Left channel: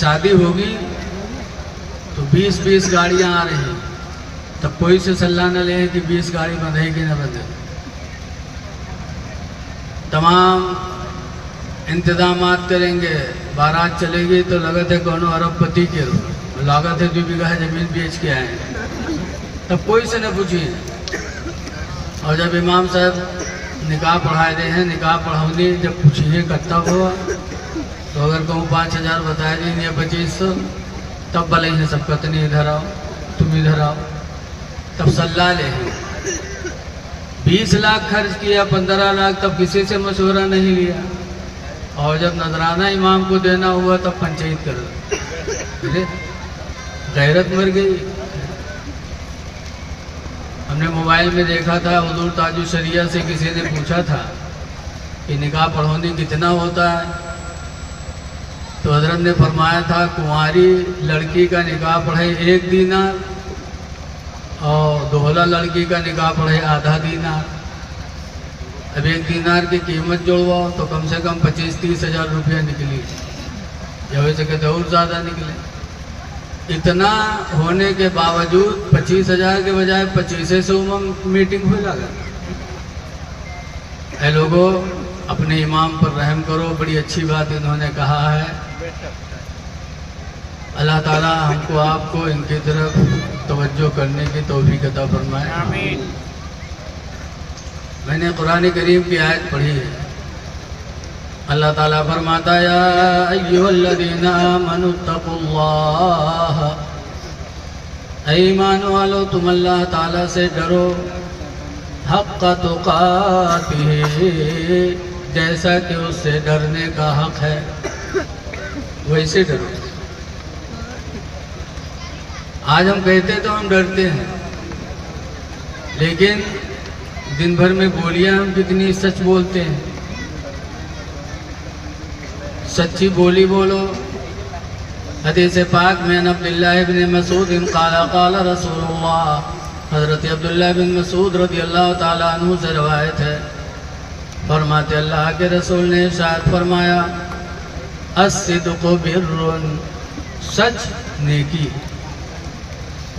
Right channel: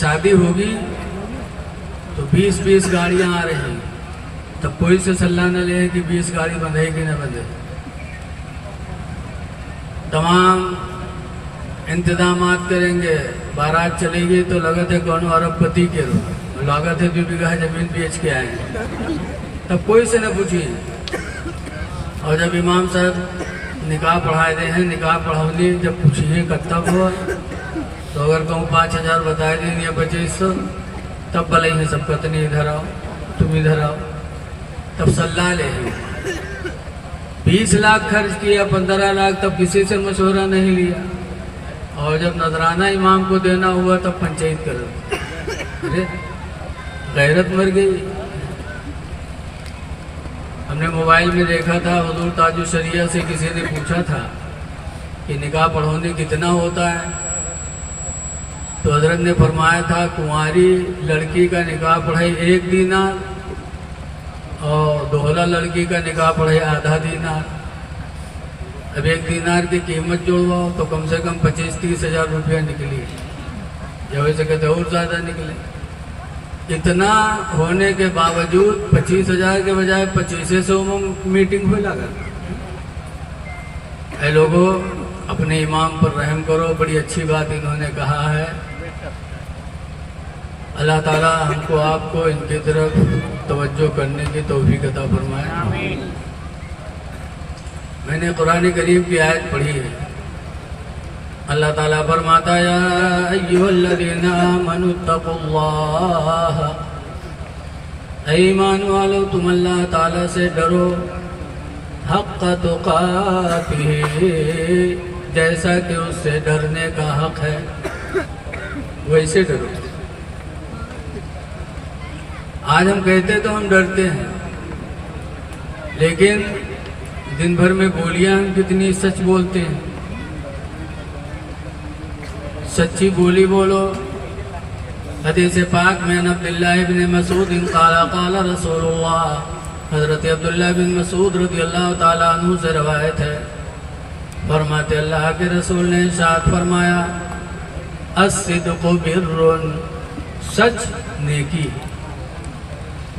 शादी होगी तो 20-20 गाड़ियाँ आ रही, तब कोई से सलाह न ले कि 20 गाड़ी बंधे कि न बंधे। तमाम इंतजामात करेंगे, बारात चलेगी तो लगत है कौन अरबपति के रो लागत है 2 बीघा जमीन बेच के आए, तब कोई से न पूछिए। और जब इमाम साहब निकाह पढ़ाए दे हैं, निकाह पढ़ाऊंगी जब पूछिए कब हुआ, तो अगर कहूँ 5,000 बताए दें या 2500, तब भले ही सब कतनी इधर आओ, तुम इधर आओ, तब सलाह ले। 20 लाख खर्च किया, 15 लाख, तब किसी से मशवरा नहीं लिया। और जब नजराना इमाम को देना हुआ तब पंचायत कर लो, गैरत मर गई। हमने मोबाइल में देखा था, हुजूर ताजु शरिया से किसी ने पूछा था कि निकाह पढ़ोंदी कितना होता है, तो हजरत ने फरमाया था कुंवारी लड़की का निकाह पढ़ाई 1 दीनार और दोहला लड़की का निकाह पढ़ाई आधा दीनार। अब 1 दीनार की कीमत जोड़वाओ तो कम से कम 25-30 हज़ार रुपया निकली, या वैसे कहते और ज़्यादा निकले। इतना होने के बावजूद 25,000 के बजाय 25 से मीटिंग हो लगा। ऐ लोगों, अपने इमाम पर रहम करो, बड़ी अच्छी बात इन्होंने कहा है। अल्लाह ताला हमको आपको इनकी तरफ तवज्जो करने की तौफीक अता फरमाए। मैंने कुरान करीम की आयत पढ़ी है, अल्लाह ताला फरमाता या अय्युहल्लज़ीना आमनुत्तकुल्लाह, ऐ ईमान वालो तुम अल्लाह ताला से डरो, हक़्क़ तुक़ातिही, जैसा कि उससे डरने का हक है वैसे डरो। आज हम कहते तो हम डरते हैं, लेकिन दिन भर में बोलियां हम कितनी सच बोलते हैं। सच्ची बोली बोलो। हदीस पाक में अब्दुल्लाह इब्न मसूद क़ाला क़ाला रसूलुल्लाह, हज़रत अब्दुल्लाह बिन मसूद रज़ियल्लाहु ताला अन्हु से रवायत है, फरमाते अल्लाह के रसूल ने इरशाद फरमाया अस्सिद्क़ु बिर्रुन, सच नेकी,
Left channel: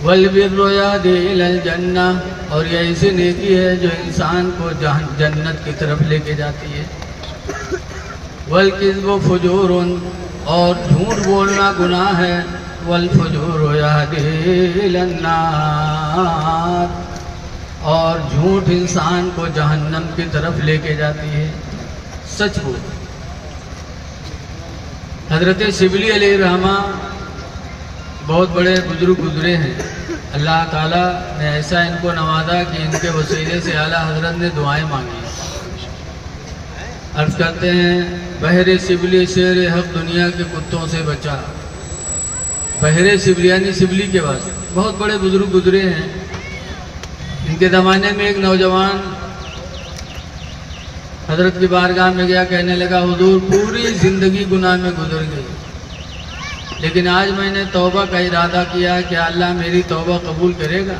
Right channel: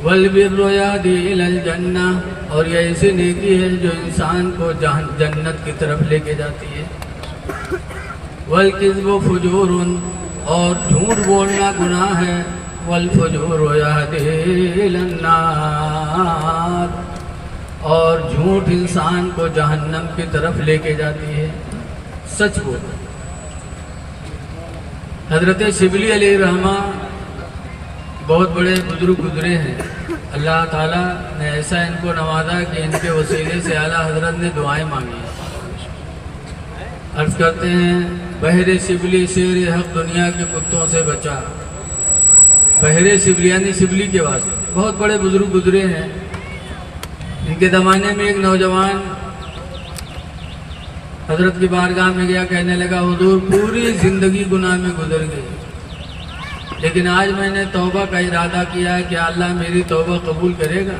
वल बिर्रु यादी इलल जन्ना, और ये ऐसी नेकी है जो इंसान को जन्नत की तरफ लेके जाती है। वल किज़्बु फुजूरुन, और झूठ बोलना गुनाह है, वल फुजूरु यादी इलन नार, और झूठ इंसान को जहन्नम की तरफ लेके जाती है। सच बोल। हजरत शिबली अलैहिर्रहमा बहुत बड़े बुजुर्ग गुजरे हैं, अल्लाह ताला ने ऐसा इनको नवाजा कि इनके वसीले से आला हजरत ने दुआएं मांगी। अर्ज करते हैं बहरे शिबली शेर हक दुनिया के कुत्तों से बचा। बहरे शिबली यानी शिबली के वास्ते बहुत बड़े बुजुर्ग गुजरे हैं। इनके ज़माने में एक नौजवान हजरत की बारगाह में गया, कहने लगा हुजूर पूरी ज़िंदगी गुनाह में गुजर गई, लेकिन आज मैंने तौबा का इरादा किया है कि अल्लाह मेरी तौबा कबूल करेगा।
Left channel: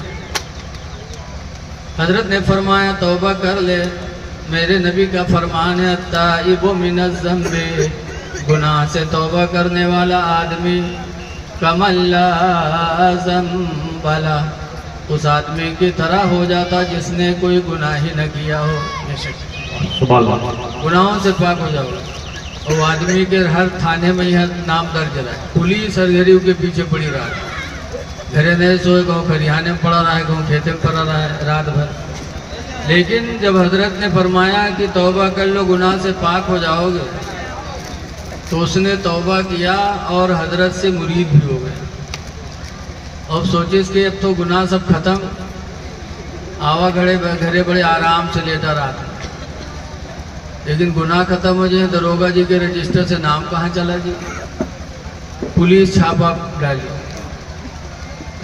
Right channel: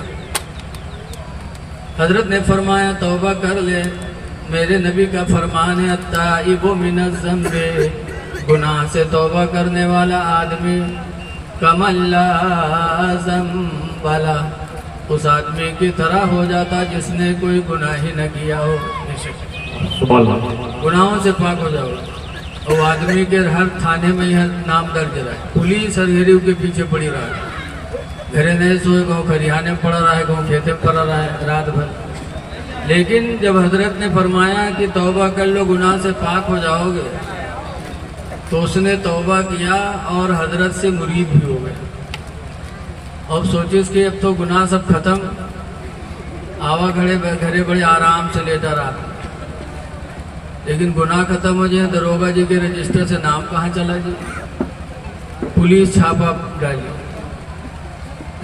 हजरत ने फरमाया तौबा कर ले, मेरे नबी का फरमान है अत्ताइबु मिनज़्ज़म्बि, गुनाह से तौबा करने वाला आदमी कमल्ला ज़म्बला, उस आदमी की तरह हो जाता जिसने कोई गुनाह ही न किया हो। गुनाहों से पाक हो जाओगे। और वो आदमी के हर थाने में यह नाम दर्ज रहा, पुलिस हर गरीब के पीछे पड़ी रहा, घरे नहीं सोए, कहूँ खरिहाने में पड़ा रहा है, कहूँ खेते में पड़ा रहा है रात भर। लेकिन जब हजरत ने फरमाया कि तौबा कर लो गुनाह से पाक हो जाओगे, तो उसने तौबा किया और हजरत से मुरीद भी हो गए। अब सोचिए कि अब तो गुनाह सब खत्म, आवा घरे बड़े आराम से लेता रहा, लेकिन गुनाह खत्म हो जाए, दरोगा जी के रजिस्टर से नाम कहाँ चला जी। पुलिस छापा डाली,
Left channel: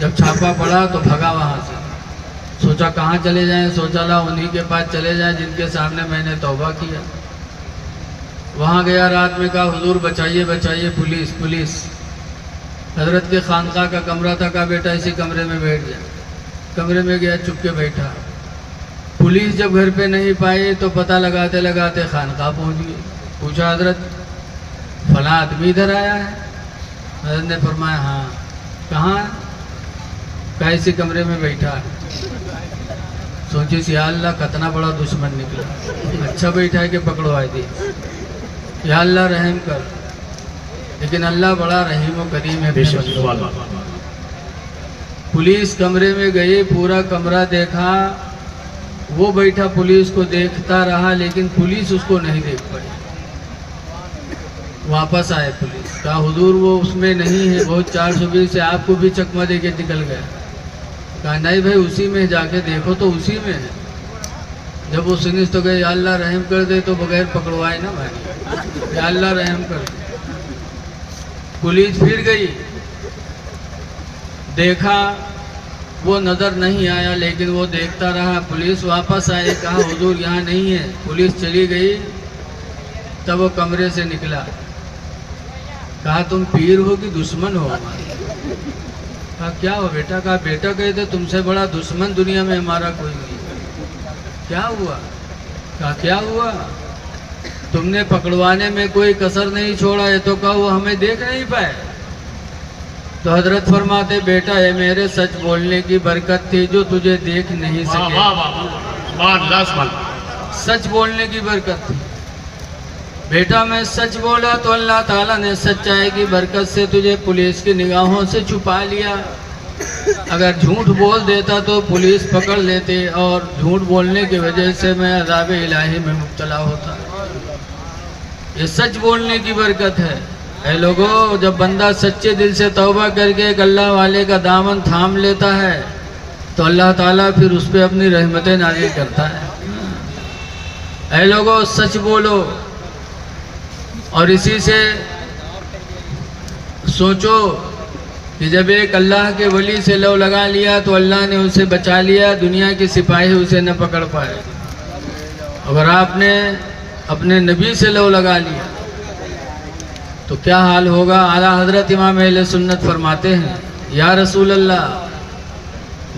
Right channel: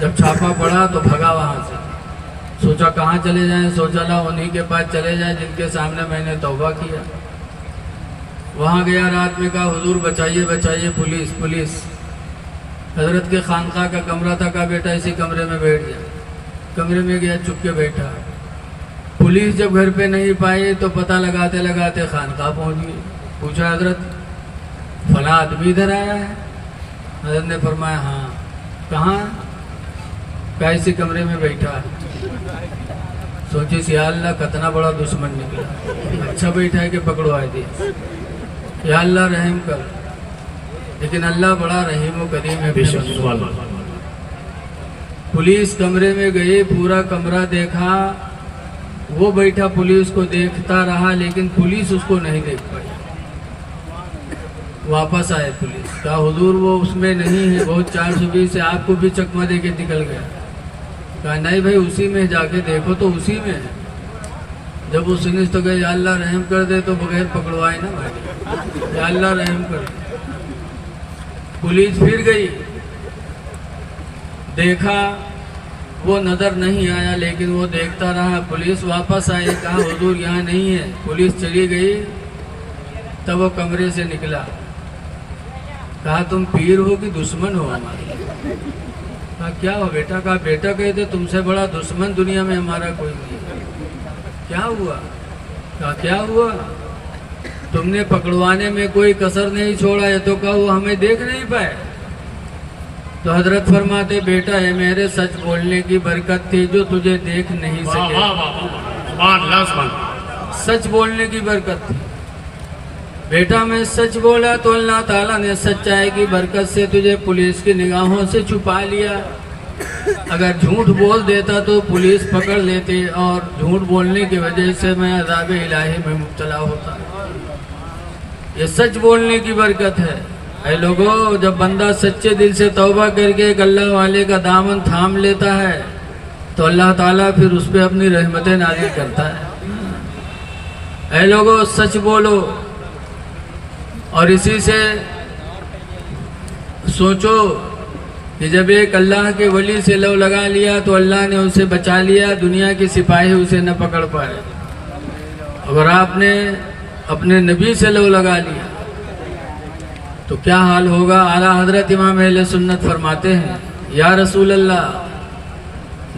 जब छापा पड़ा तो भगा वहाँ से, सोचा कहाँ चले जाएं, सोचा ला उन्हीं के पास चले जाएं जिनके सामने मैंने तौबा किया। वहाँ गया, रात में कहा हुजूर बचाइए बचाइए, पुलिस पुलिस। हजरत के खानका का कमरा था, कहा बेटा इसी कमरे में बैठ जा। कमरे में गया, चुप के बैठा। पुलिस जब घर पे नहीं पाई तो पता लगाते लगाते खानका पहुँच गई। पूछा हजरत फला आदमी इधर आया है, हजरत ने फरमाया हाँ। कहाँ? कैसे कमरे में बैठा। सोची या अल्लाह कितना बड़ा दुश्मन निकला, अच्छा बैठा है कि पकड़वा दी। या अल्लाह रहम कर। लेकिन अल्लाह बड़ा रहीम और करीम है। पुलिस कमरे में गए, पूरा कमरा देखा, वो बैठा पुलिस को देखता रहा, लेकिन पुलिस उसको नहीं देख पाई। वापस आए पुलिस, कहा हुजूर वो उसमें नहीं है, वो 420 से आपको भी चकमा दे के निकल गया। कहा नहीं भाई उसी में जाके देखो तो उसी में है। जब वो सुनिस तो गए, या अल्लाह रहम कर दे, तो बगैर पकड़वाए ना भाई, या अल्लाह रहम कर दे। पुलिस फिर गई, देखा वो नज़र नहीं आया, लेकिन वो देखता रहा। पुलिस वापस आई, कहा हुजूर यहाँ नहीं है। पुलिस चली गई, तब वो कमरे से निकला। कहा तुम पीर हो कि दुश्मन हो हमारे? कहा क्या हो बेटा? कहा बेटा कहते तुमसे बड़ा दुश्मन दुनिया में हमारा कोई नहीं। क्या हुआ? कहा क्या हुआ? तुमने पकड़वाने में कोई कसर नहीं छोड़ा है, तो कहा वो हमें देख नहीं पाए। तो हजरत फरमाते बेटा ये मेरे सच बोलने की बरकत थी जो तुझे देख नहीं सके। सच बोलने की बरकत थी बेटा। मैं सच बोला तो अल्लाह ताला ने सच्चाई की बरकत से तुझे पुलिस की निगाहों से छुपा लिया। अगर झूठ बोल देता तो पुलिस पकड़ लेते, और झूठ बोलने की वजह से मैं अज़ाब इलाही में मुब्तला होता। ये सच बोलने की बरकत है। ऐ लोगों, जब बंदा सच्चे दिल से तौबा करके एक अल्लाह वाले का दामन थाम लेता है तो अल्लाह ताला फिर उस पर अपनी रहमतें नाज़िल करता है। ऐ लोगों सच बोलो, और इसी से सोचो कि जब एक अल्लाह के वली से लव लगा लिया तो अल्लाह ने उसे बचा लिया, दुनिया के सिपाही उसे न पकड़ पाए। अगर आपने अपने नबी से लव लगा लिया तो क्या हाल होगा। आला हजरत इमाम अहले सुन्नत फरमाते हैं, या रसूल अल्लाह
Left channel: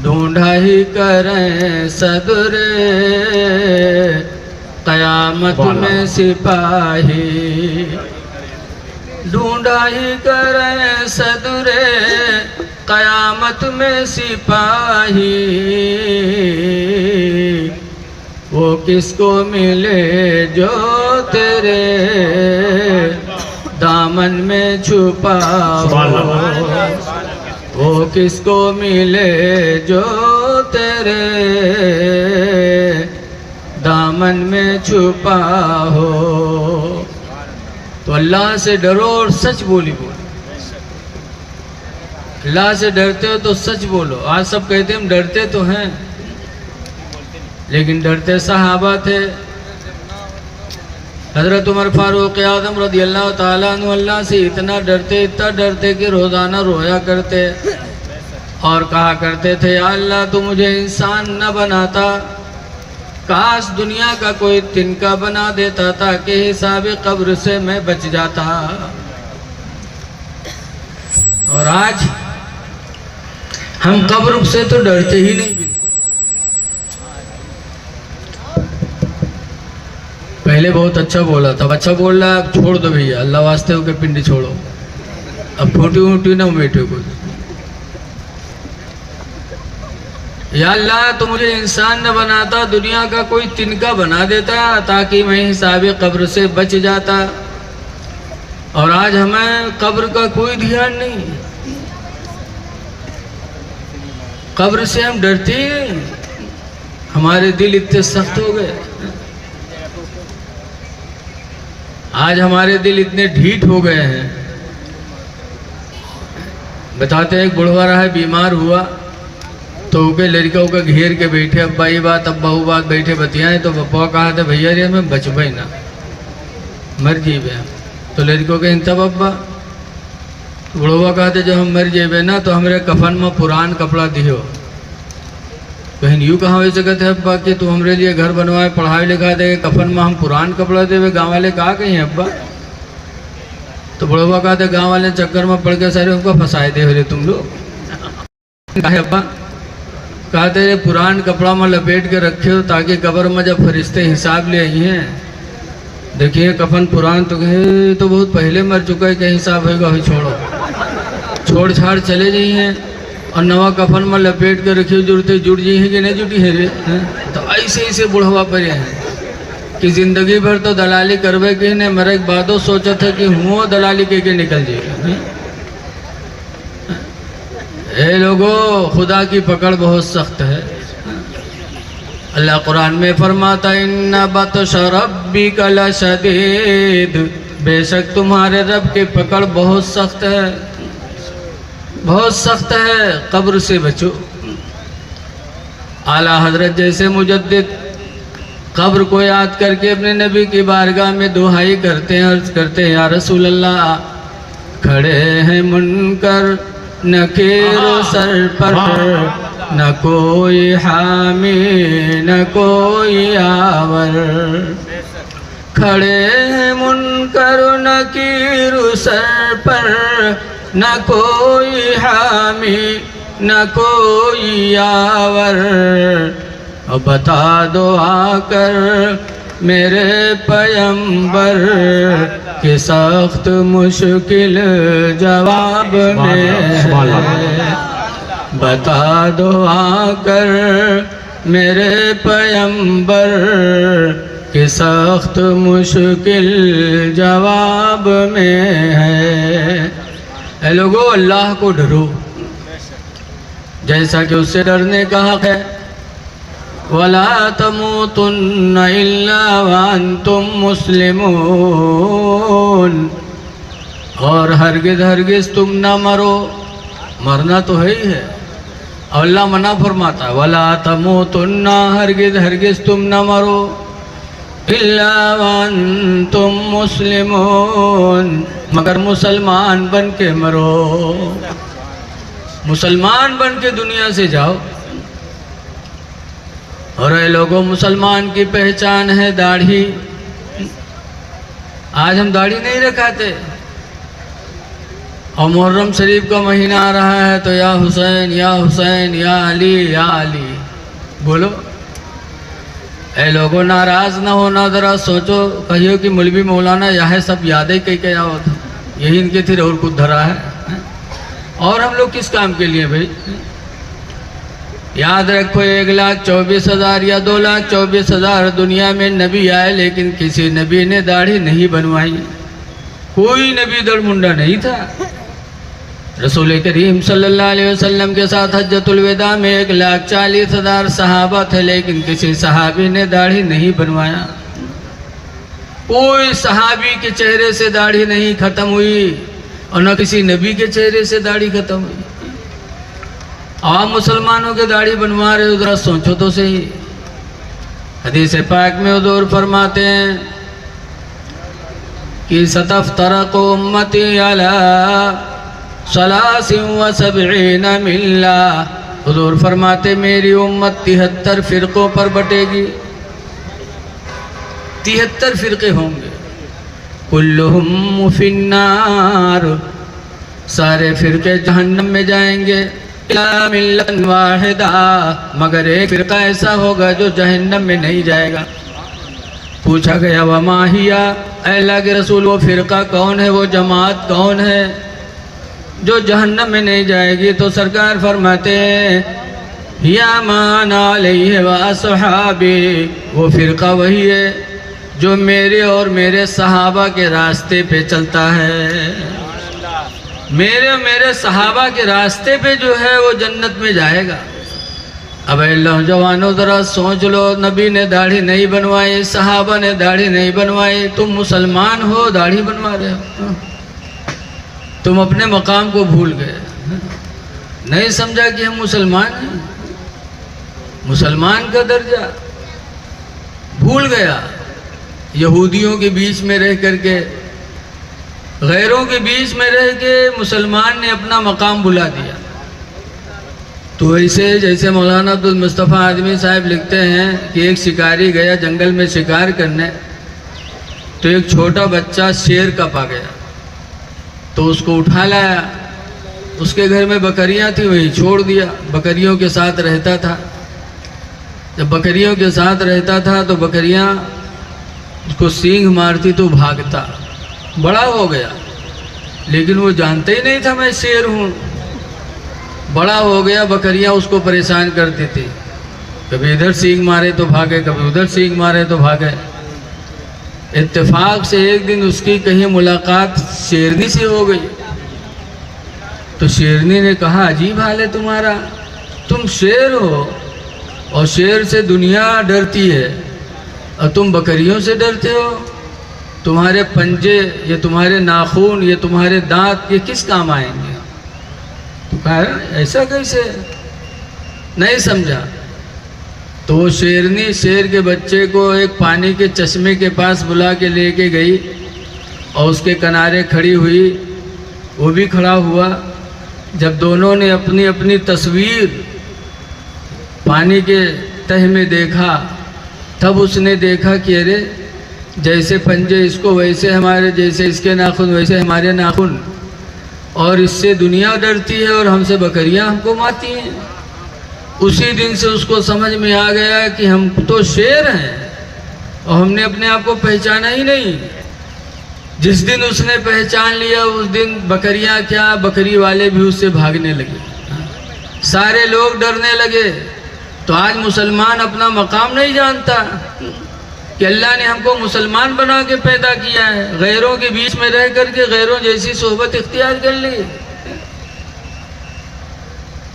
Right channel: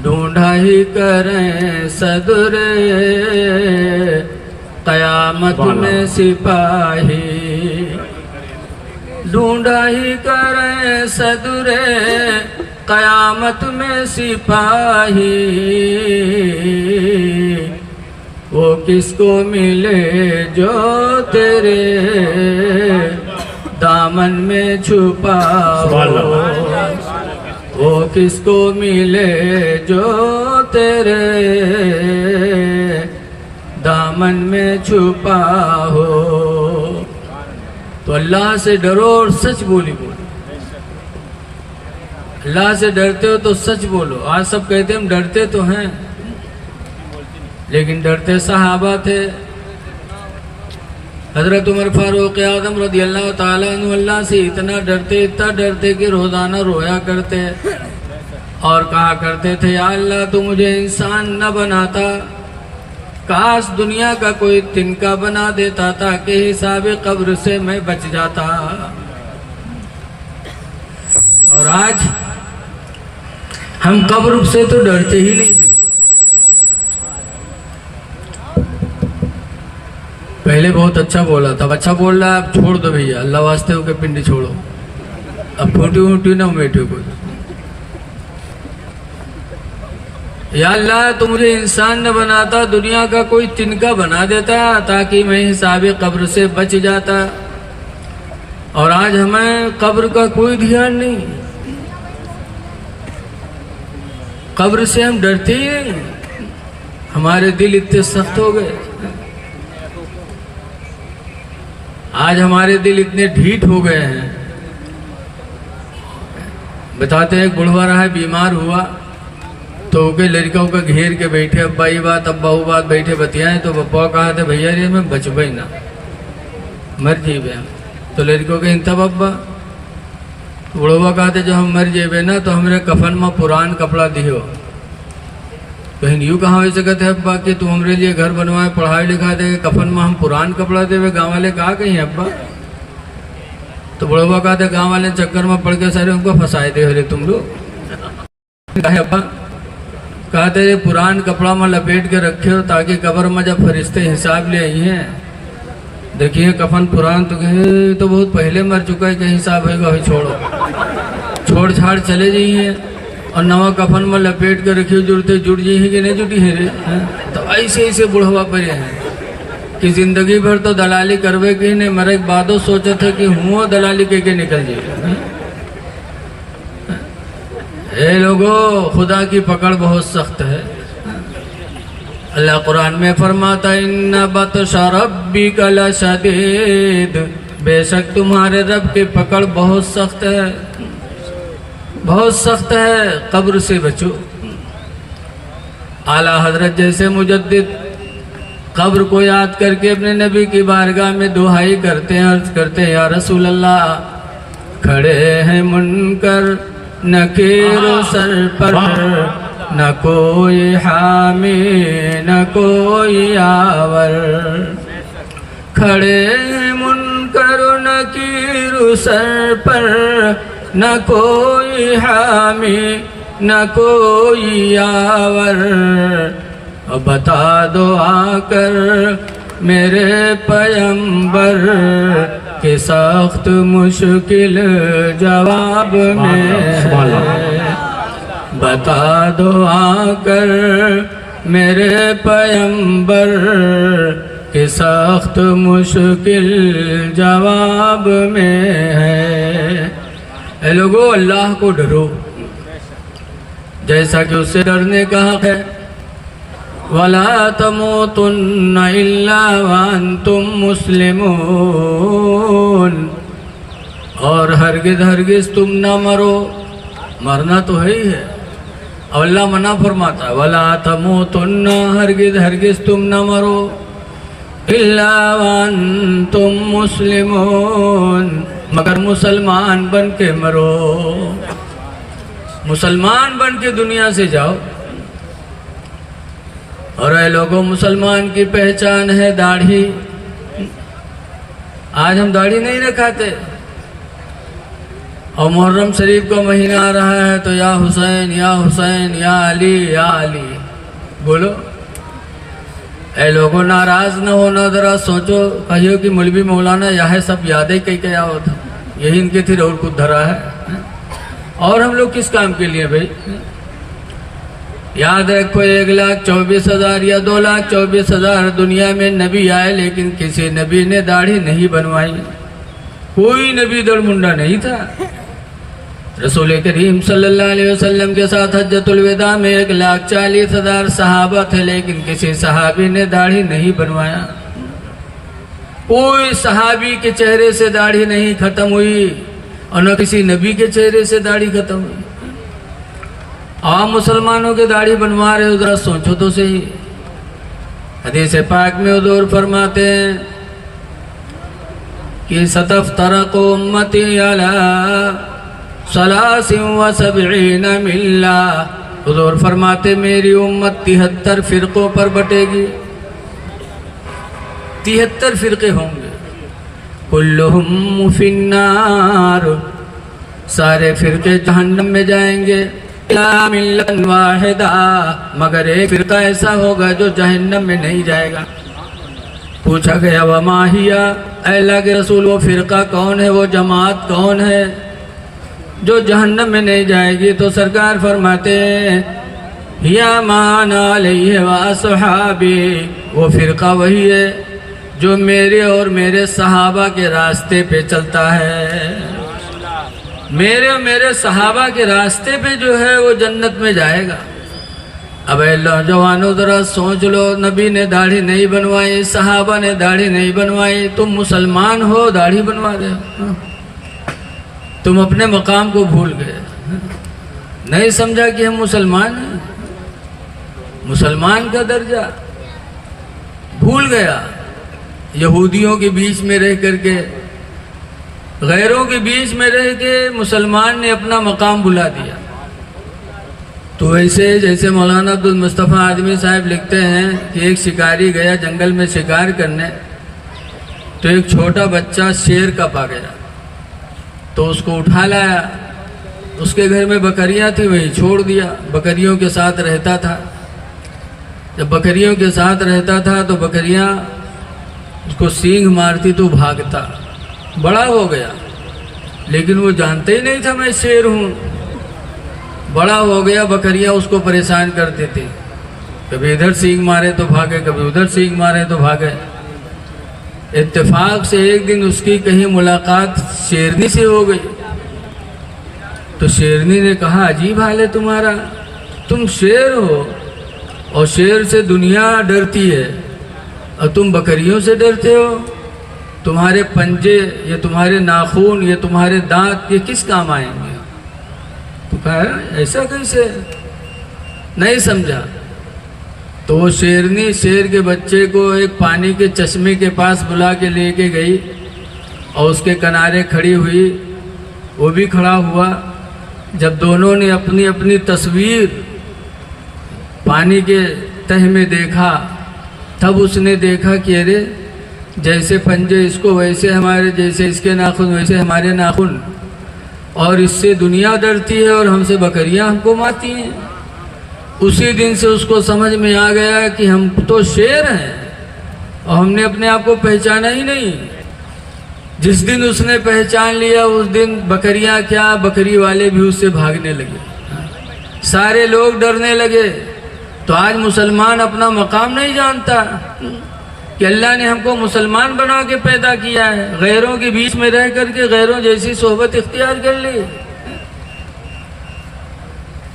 ढूंढा ही करें सदरे कयामत में सिपाही, ढूंढा ही करें सदरे कयामत में सिपाही। वो किसको मिले जो तेरे दामन में छुपा हो, वो किसको मिले जो तेरे दामन में छुपा हो। तो अल्लाह से डरो और सच बोली बोलो। अल्लाह से डरते हो तो सच बोलो। आज सब कहते हम डरते तो हैं, लेकिन डरते सहाबा थे। हजरत उमर फारूक आज़म रज़ी अल्लाह ताला अन्हु अल्लाह से इतना डरते कि रोज़ाना रोया करते और कहा करते थे, या अल्लाह तू मुझे इंसान न बनाता, काश दुनिया का कोई तिनका बना देता ताकि हिसाब कब्र से मैं बच जाता। और आज हम कब्र से तो डरते ही नहीं। पहले बहुत अच्छा बोला था, अच्छा बोल रहा है, अब छोड़ दो भैया, अल्लाह वास्ते होके पिंडी छोड़ो, अब फूटी ऊटी ना बैठे कुछ। या अल्लाह तो मुझे इंसान न बनाता, दुनिया का कोई तिनका बना देता ताकि मैं हिसाब कब्र से बच जाता। और आज हमें कब्र का कोई ध्यान नहीं, कब्र से हम डरते ही नहीं। हमारे दिल इतने सख्त हो गए, आज हमारे दिल इतने ढीठ हो गए हैं। बताते हैं एक बुढ़वा रहा है, बीमार हुआ तो के लड़का का घेर के बैठे, अब्बा ये बात अब्बा वो बात बैठे बतियाए। तो बप्पा कहा था भैया रे हमें बचबे ना, मर जेबे हम। तो लड़कों के तब अब्बा बुढ़वा कहा था जब हम मर जेबे ना तो हमारे कफन में पुरान कपड़ा दियो। कहीं यूँ कहाँ वैसे कहते हैं अब्बा कि तू हमारे लिए घर बनवाए, पढ़ाई लिखा दे, कफन में हम पुरान कपड़ा देवे। गाँव वाले कहा कहीं अब्बा? तो बुढ़वा कहा था गाँव वाले चक्कर में पड़ के सारे हमको फंसाए दे रहे तुम लोग। कहे अब्बा कहा तेरे पुरान कपड़ा में लपेट के रखे हो ताकि कब्र में जब फरिश्ते हिसाब ले आई हैं, देखिए कफन पुरान तो कहे तो बहुत पहले मर चुका है, क्या हिसाब होगा वही छोड़ो। छोड़ छाड़ चले जाई हैं और नवा कफन में लपेट के रखी जुड़ते जुड़ जी है कि नहीं जुटी है रे हैं? तो ऐसे ऐसे बुढ़वा पर हैं कि जिंदगी भर तो दलाली करवे के ने मरे के बादो सोचा था कि हुओ दलाली के निकल जाए। ए लोगों, खुदा की पकड़ बहुत सख्त है। अल्लाह कुरान में फरमाता इन्ना बतशा रब्बिका लशदीद, बेशक तुम्हारे रब की पकड़ बहुत सख्त है, बहुत सख्त है। कब्र से बचो। आला हजरत जैसे मुजद्दिद कब्र को याद करके अपने नबी की बारगाह में दुहाई करते हैं, अर्ज करते हैं या रसूल अल्लाह, खड़े हैं मुनकर नकीर सर पर, न कोई हामी न कोई आवर। खड़े हैं मुनकर नकीर सर पर, न कोई हामी न कोई आवर। अब बता दो आकर मेरे पैगंबर के सख्त मुश्किल जवाब में है। बता दो आकर मेरे पैगंबर के सख्त मुश्किल जवाब में है। ऐ लोगों, अल्लाह को डरो जैसा कि उससे डरने का हक है। वला तमूतुन्ना इल्ला व अंतुम मुस्लिमून, और हरगिज़ हरगिज़ तुम ना मरो, मरना तो है ही है। और अल्लाह मना फरमाता है वला तमूतुन्ना, हरगिज़ हरगिज़ तुम ना मरो, इल्ला व अंतुम मुस्लिमून, मगर मुसलमान बन के मरो। मुसलमान बन के दुनिया से जाओ। और ये लोगों, मुसलमान की पहचान है दाढ़ी। आज हम दाढ़ी नहीं रखाते, और मुहर्रम शरीफ का महीना आ रहा है तो या हुसैन या हुसैन या अली या अली बोलो। ऐ लोगों, नाराज ना होना, ज़रा सोचो, कहियो कि मौलवी मौलाना यह सब यादें कह के आओ, यही इनके थी और कुछ धरा है। और हम लोग किस काम के लिए भाई? याद रखो, 1,24,000 या 2,24,000 दुनिया में नबी आए, लेकिन किसी नबी ने दाढ़ी नहीं बनवाई। कोई नबी दड़ मुंडा नहीं था। रसूल करीम सल्लल्लाहु अलैहि वसल्लम के साथ हज्जतुल विदा में 1,40,000 सहाबा थे, लेकिन किसी सहाबी ने दाढ़ी नहीं बनवाया। कोई सहाबी के चेहरे से दाढ़ी नहीं खत्म हुई, और न किसी नबी के चेहरे से दाढ़ी खत्म हुई। आप मुसलमानों के दाढ़ी बनवा रहे हो, जरा सोचो तो सही। हदीस पाक में हुजूर फरमाते हैं कि सतफ्तरक़ उम्मती अला 73 मिल्ला। हुजूर फरमाते मेरी उम्मत 73 फिरकों पर बटेगी। 73 फिरके होंगे। कुल्लुहुम फिन्नार, सारे फिरके जहन्नम में जाएंगे। इल्ला मिल्लतन वाहिदा, मगर एक फिरका ऐसा होगा जो जहन्नम में नहीं जाएगा। पूछा गया वमा हिया, अल्लाह के रसूल वो फिरका कौन है, वो जमात कौन है जो जहन्नम में नहीं जाएगी? तो सरकार फरमाते हिया मान अलैहि व अस्हाबी, वो फिरका वही है जो मेरे और मेरे सहाबा के रास्ते पे चलता है। मेरे सहाबा के रास्ते पे जो है वो जन्नत में जाएगा। अब नौजवानों जरा सोच लो, नबी ने दाढ़ी नहीं बनवाई, सहाबा ने दाढ़ी नहीं बनवाई, तुम मुसलमान हो दाढ़ी बनवा रहे हो। तुम अपने मकाम को भूल गए, नहीं समझा कि हम मुसलमान हैं। मुसलमान का दर्जा भूल गया। यहूदियों के बीच में रह करके, गैरों के बीच में रह के मुसलमान ने अपना मकाम बुला दिया। तो ऐसे जैसे मौलाना अब्दुल मुस्तफ़ा आदमी साहब लिखते हैं कि एक शिकारी गया जंगल में शिकार करने, तो एक छोटा बच्चा शेर का पा गया, तो उसको उठा लाया। उसके घर में बकरियां थी, वही छोड़ दिया, बकरियों के साथ रहता था। जब बकरियों के साथ रहता था तो बकरियां उसको सींग मारती तो भागता। बड़ा हो गया, लेकिन वो जानते ही नहीं था मैं शेर हूँ। बड़ा हो गया, बकरियां उसको परेशान करते थे, कभी इधर सींग मारे तो भागे, कभी उधर सींग मारे तो भागे। इत्तेफाक से एक दिन उसकी कहीं मुलाकात शेरनी से हो गई, तो शेरनी ने कहा, अजीब हाल है तुम्हारा, तुम शेर हो और शेर से दुनिया डरती है और तुम बकरियों से डरते हो। तुम्हारे पंजे, ये तुम्हारे नाखून, ये तुम्हारे दांत, ये किस काम आएंगे? तो कहा ऐसा कैसे, नहीं समझा। तो वो शेरनी शेर के बच्चे को एक पानी के चश्मे के पास बुला के लेके गई और उसके किनारे खड़ी हुई, वो भी खड़ा हुआ। जब दोनों ने अपनी अपनी तस्वीर पानी के तह में देखा, तब उसने देखा कि अरे जैसे पंजे इसको वैसे हमारे, जैसे इसके नाखून वैसे हमारे नाखून, और इससे दुनिया डरती है और हमसे बकरियां हमको मारती हैं। उसी दिन से उसको समझ में आ गया कि हम तो शेर हैं और हमने अपने आप को पहचाना ही नहीं। जिस दिन उसने पहचान लिया, उस दिन बकरियां क्या, बकरी वाले भी उससे भागने लगे, सारे लोग डरने लगे। तो आज मुसलमान अपना मकाम नहीं जानता कि अल्लाह ने हमको मुसलमान बना के पैदा किया है, गैरों के बीच में रह करके गैरों जैसी सोहबत इख्तियार कर ली।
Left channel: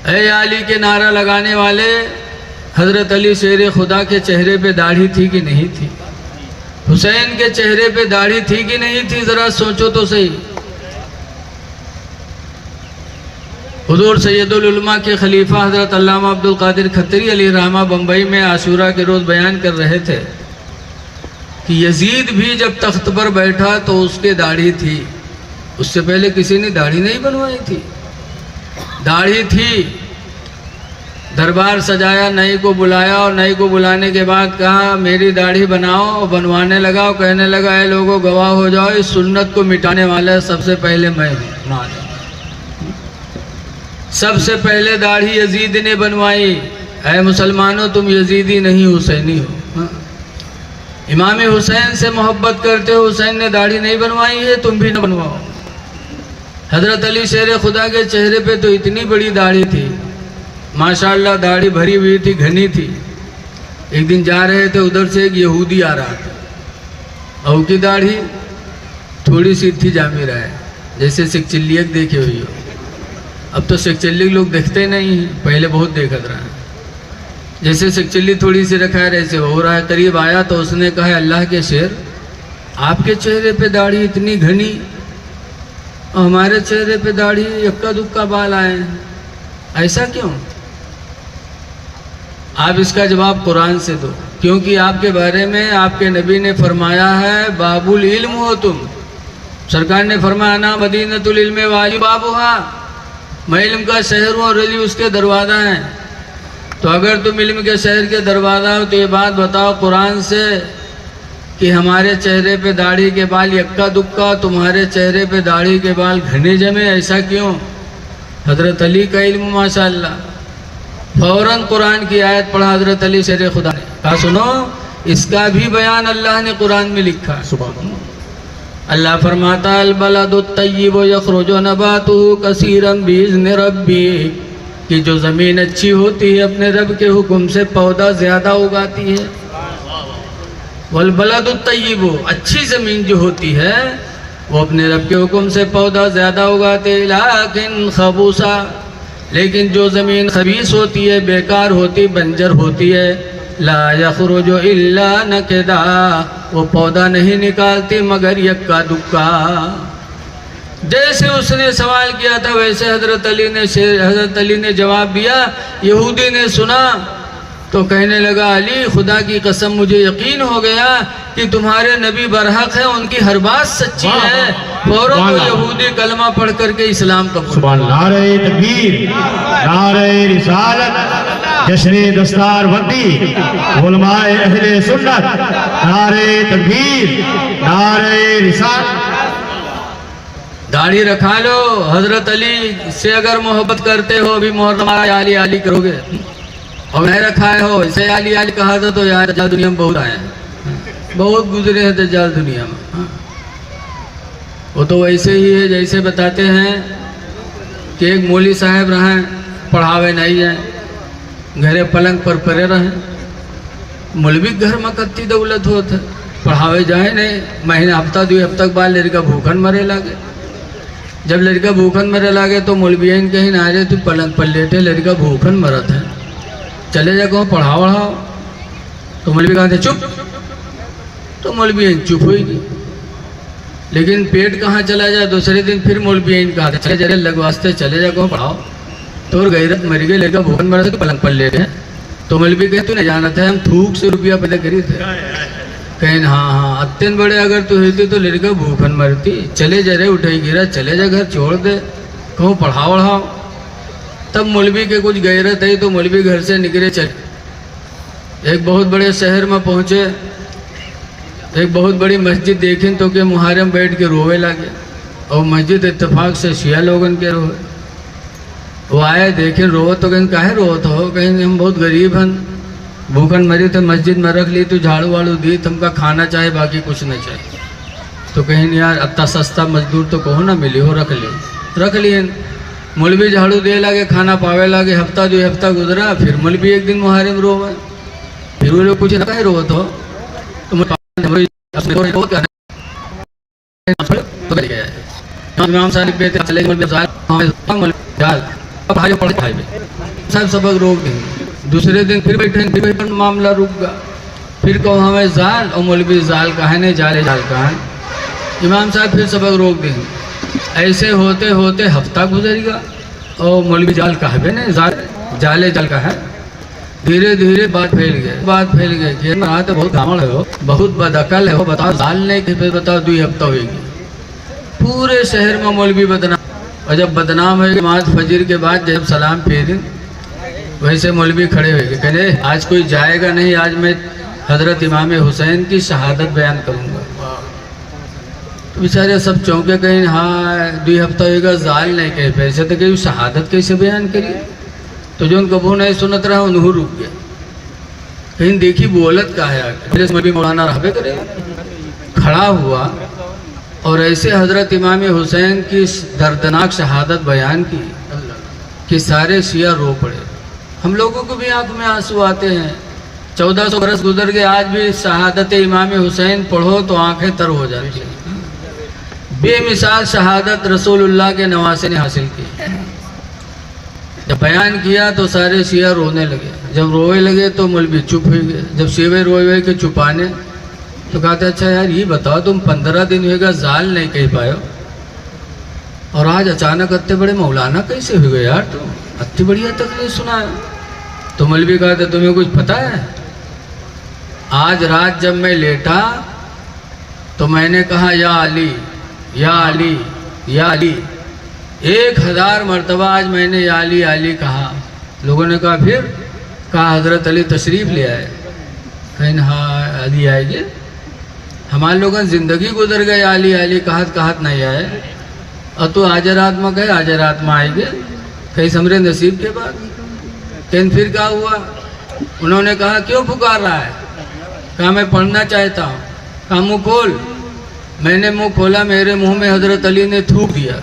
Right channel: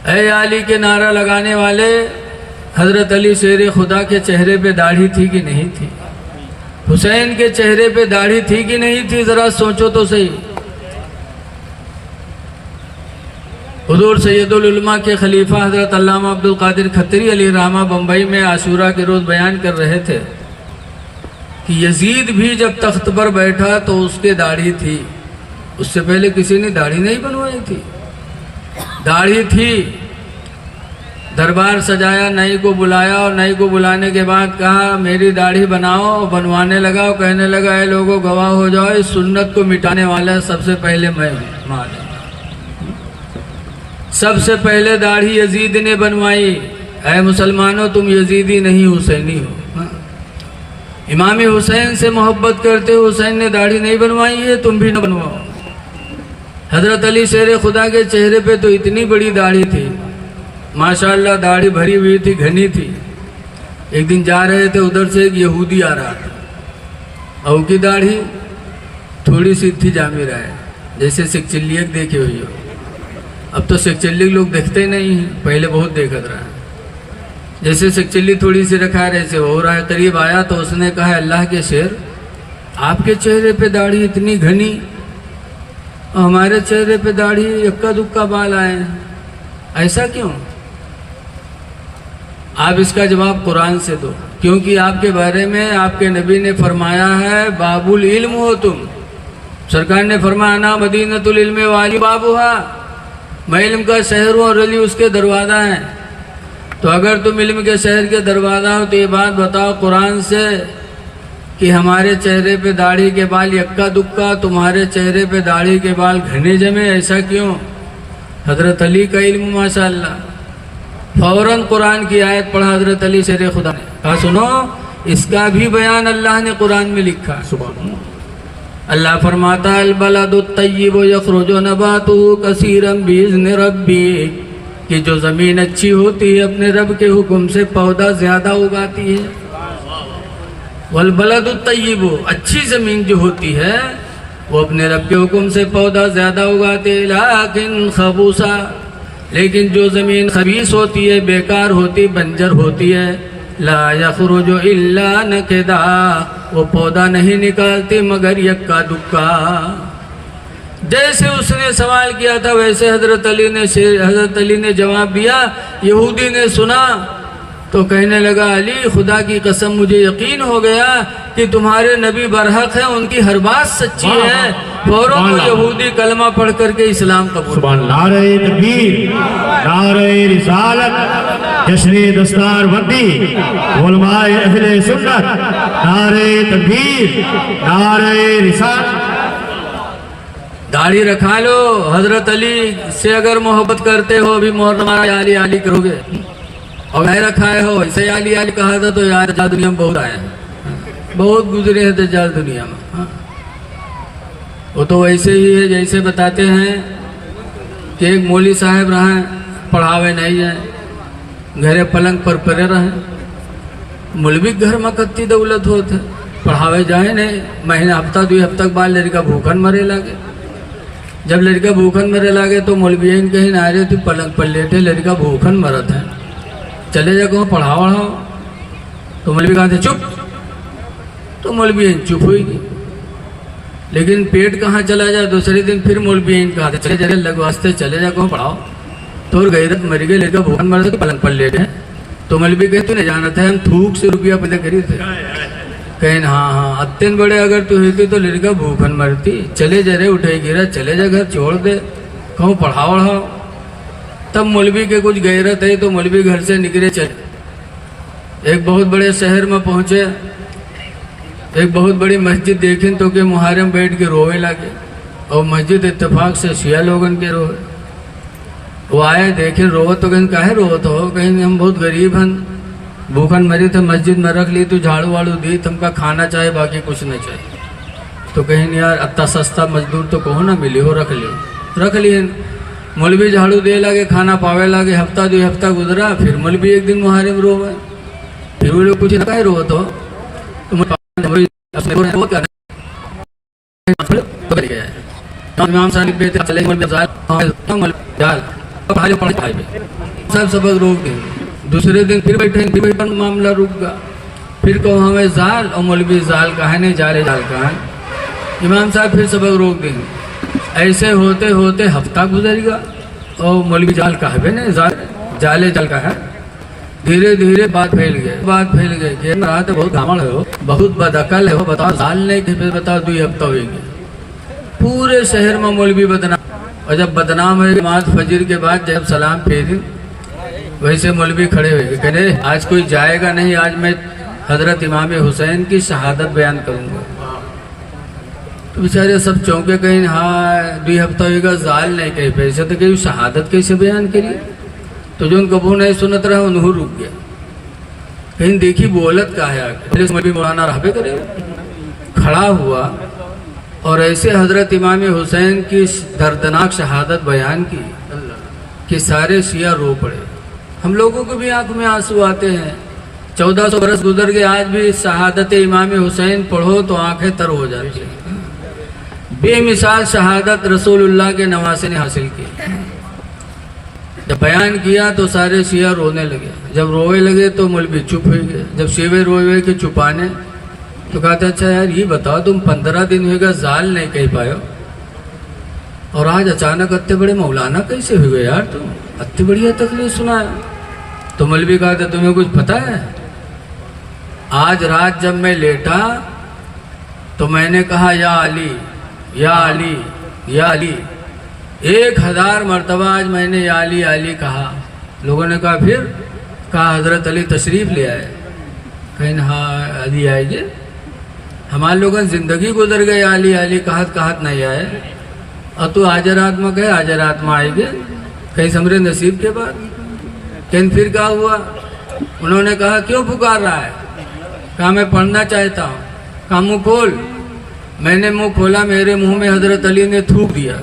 ऐ अली के नारा लगाने वाले, हजरत अली शेर खुदा के चेहरे पे दाढ़ी थी कि नहीं थी? हुसैन के चेहरे पे दाढ़ी थी कि नहीं थी? जरा सोचो तो सही। हुजूर सैयदुल उलमा के खलीफा हजरत अल्लामा अब्दुल कादिर खत्री अली रहमा बम्बई में आशूरा के रोज़ बयान कर रहे थे कि यजीद भी जब तख्त पर बैठा तो उसके दाढ़ी थी, उससे पहले किसी ने दाढ़ी नहीं बनवाई थी। दाढ़ी थी, दरबार सजाया, नई को बुलाया और नई को बुलाने के बाद कहा मेरी दाढ़ी बनाओ, बनवाने लगा और कहने लगा ए लोगों गवाह हो जाओ, इस सुन्नत को मिटाने वाले सबसे पहले मैं हूं। सबसे पहले दाढ़ी यजीद ने बनवाई। ऐ मुसलमानों, तुम यजीदी नहीं हुसैनी हो। इमाम हुसैन से मोहब्बत करते हो, हुसैन ने दाढ़ी नहीं बनवाई है, तुम भी न बनवाओ। हजरत अली शेर खुदा के चेहरे पे तो इतनी बड़ी दाढ़ी थी, माशाअल्लाह, दाढ़ी भरी हुई थी, घनी थी। एक दिन जा रहे थे, उधर से एक यहूदी आ रहा था और की दाढ़ी थोड़ी सी थी, जामी रहा है जैसे सिकचिल्लियक देखे हुई है। अब तो सिकचिल्ली लोग देखते नहीं, पहले बहुत देखत रहे। जैसे सिकचिल्ली थोड़ी सी रखा है ऐसे हो रहा है। करीब आया तो उसने कहा अल्लाह के शेर, आपके चेहरे पे दाढ़ी इतनी घनी और हमारे चेहरे पे दाढ़ी इक्का दुक्का बाल आए, ऐसा क्यों? आप इसका जवाब कुरान से दो, क्योंकि आपके बारे में आपके नबी ने फरमाया है बाबुल इल्म हो तुम। सरकार ने फरमाया ना मदीनतुल इल्म वाली बाबूहा, मैं इल्म का शहर हूँ और अली उसके दरवाज़ा हैं। तो अगर तुम इल्म के शहर के दरवाज़ा हो तो ये बात बताओ कुरान से कि हमारे चेहरे पे दाढ़ी के बाल यक्का दुक्का, तुम्हारे चेहरे पे दाढ़ी के बाल घने जमे, ऐसा क्यों? हजरत अली का इल्म माशाअल्लाह। फौरन कुरान की आयत पढ़ा हजरत अली शेर खुदा ने, कहा सुनो इसका भी बयान अल्लाह ने कुरान में लिखा। अल्लाह फरमाता अल बलदुत तय्यिब यखरुजु नबातुहु कसीरन बिइज़्नि रब्बी, कि जो ज़मीन अच्छी होती है अपने रब के हुक्म से पौधा ज़्यादा उगाती है। वल बलदुत तय्यिब, अच्छी ज़मीन जो होती है वो अपने रब के हुक्म से पौधा ज़्यादा उगाते। लाकिन खबूसा, लेकिन जो ज़मीन खबीस होती है, बेकार होती, बंजर होती है, ला यखरुजु इल्ला नकदा, वो पौधा नहीं निकालती मगर यक्का दुक्का। जैसे उसने सवाल किया था वैसे हजरत अली ने जवाब दिया। यहूदी ने सुना तो कहने लगा अली खुदा की कसम मुझे यकीन हो गया कि तुम्हारे नबी बरहक हैं, उनकी हर बात सच्ची है। फौरन वो यहूदी कलमा पढ़ करके इस्लाम कबूल। नारे तकबीर, नारे रिसालत, जश्न दस्तार बंदी, उलमाए अहले सुन्नत, नारे तकबीर, नारे रिसालत। दाढ़ी रखा लो, हजरत अली से अगर मोहब्बत करते हो अभी मोहर्रम आली आली करोगे, और मैं रखाए हो इसे आली आली कहा था तो यहाँ दज्जाल दुनिया में बहुत आए, बहुत गुजरे हैं दज्जाल दुनिया में। वो तो वैसे ही है जैसे बताते हैं कि एक मौली साहब रहें, पढ़ावे नहीं जाए, घरे पलंग पर पड़े रहें। मौलवी घर में कत्ती दौलत होते, पढ़ावे जाए नहीं, महीने हफ्ता 2 हफ्ता के बाद लड़का भूखन मरे लगे। जब लड़का भूखन मरे लगे तो मौलवियन कहीं ना रहे, तू पलंग पर लेटे, लड़का भूखन मरत है, चले जा कहो पढ़ाओ वढ़ाओ। तो मौलवी कहते चुप, तो मौलवियन चुप होगी। लेकिन पेट कहाँ चला जाए, दूसरे दिन फिर मौलवियन कहते चले जरे लगवास्ते, चले जा कहो पढ़ाओ। तो गैरत मर गई, लड़का भूखन मर तो पलंग पर लेटे। तो मौलवी कहे तू नहीं जाना था, हम थूक से रुपया पैदा करी थे। कहीं हाँ अत्यंत बड़े अगर तू होती तो लड़का भूखन मरती, चले जरे उठे गिरा, चले जा घर छोड़ दे, कहो पढ़ाओ वढ़ाओ। तब मौलवी के कुछ गैरत है तो मौलवी घर से निकले चले। एक बहुत बड़े शहर में पहुँचे, एक बहुत बड़ी मस्जिद देखी तो कि मुहर्रम बैठ के रोवे लगे, और मस्जिद इत्तेफाक से शिया लोगन के रोवे। वो आए देखे रोवत तो कहीं काहे रोवत हो, कहीं हम बहुत गरीब हैं, भूखन मरी तो मस्जिद में रख ली, तो झाड़ू वाड़ू दी, तुमका खाना चाहिए बाकी कुछ नहीं चाहिए। तो कहीं यार इतना सस्ता मजदूर तो कहो ना मिली हो, रख ली। मौलवी झाड़ू दे लगे, खाना पावे लगे, हफ्ता 2 हफ्ता गुजरा, फिर मौलवी एक दिन मुहर्रम रोवे, फिर वो लोग कुछ ना रोवत हो तो इमाम साहब चले साहब सबक रोक दें। दूसरे दिन फिर बैठे, मामला रुक गया, फिर कहो हमें जाल, और मौलवी जाल कहा नहीं, जाल कहा। इमाम साहब फिर सबक रोक दें। ऐसे होते होते हफ्ता गुजर गया, और मौलवी जाल कहा नहीं, जाल कहा। धीरे धीरे बात फैल गई कि रात बहुत गामड़ हो, बहुत बदअकल है, बताओ जाल नहीं थे, फिर बताओ 2 हफ्ता होगी। पूरे शहर में मौलवी बदनाम, और जब बदनाम हुई नमाज फजर के बाद जब सलाम फेरी, वैसे मौलवी खड़े हुए कहने आज कोई जाएगा नहीं, आज मैं हजरत इमाम हुसैन की शहादत बयान करूँगा। तो बेचारे सब चौंके, कहीं हाँ 2 हफ्ता होगा, जाल नहीं कहे, पैसे तो कहीं शहादत कैसे बयान करिए। तो जो उनको कबू नहीं सुनत रहा उन्हों रुक गया, कहीं देखी बोलत का है, मौलाना रहबे करे, खड़ा हुआ और ऐसे हजरत इमाम हुसैन की दर्दनाक शहादत बयान की कि सारे शिया रो पड़े। हम लोगों को भी आंख में आंसू आते हैं। 1400 बरस गुजर गए, आज भी शहादत इमाम हुसैन पढ़ो तो आंखें तर हो जाती हैं। बेमिसाल शहादत रसूलुल्लाह के नवासे ने हासिल की। जब बयान किया तो सारे शिया रोने लगे, जब रोए लगे तो मौलवी चुप हो गए। जब शिवे रोए के चुपाने तो कहते अच्छा यार ये बताओ, तुम 15 दिन होगा जाल नहीं कह पाए, और आज अचानक इतने बड़े मौलाना कैसे हो गए यार, तुम इतनी बढ़िया तकलीफ सुना है। तो मौलवी कहते तुम्हें कुछ पता है, आज रात जब मैं लेटा तो मैंने कहा या अली या अली या अली, 1000 मरतबा आज मैंने या अली कहा। लोगों ने कहा फिर, कहा हजरत अली तशरीफ़ ले आए। कहीं हाँ अली आएंगे, हमारे लोगों जिंदगी गुजर गए, अली कहत नहीं आए, और तू आज रात में गए, आज रात में आएंगे, कहीं समरे नसीब के बाद। कहीं फिर क्या हुआ, उन्होंने कहा क्यों पुकार रहा है, कहा मैं पढ़ना चाहता हूँ। कहा मुँह खोल। मैंने मुँह खोला, मेरे मुंह में हजरत अली ने थूक दिया,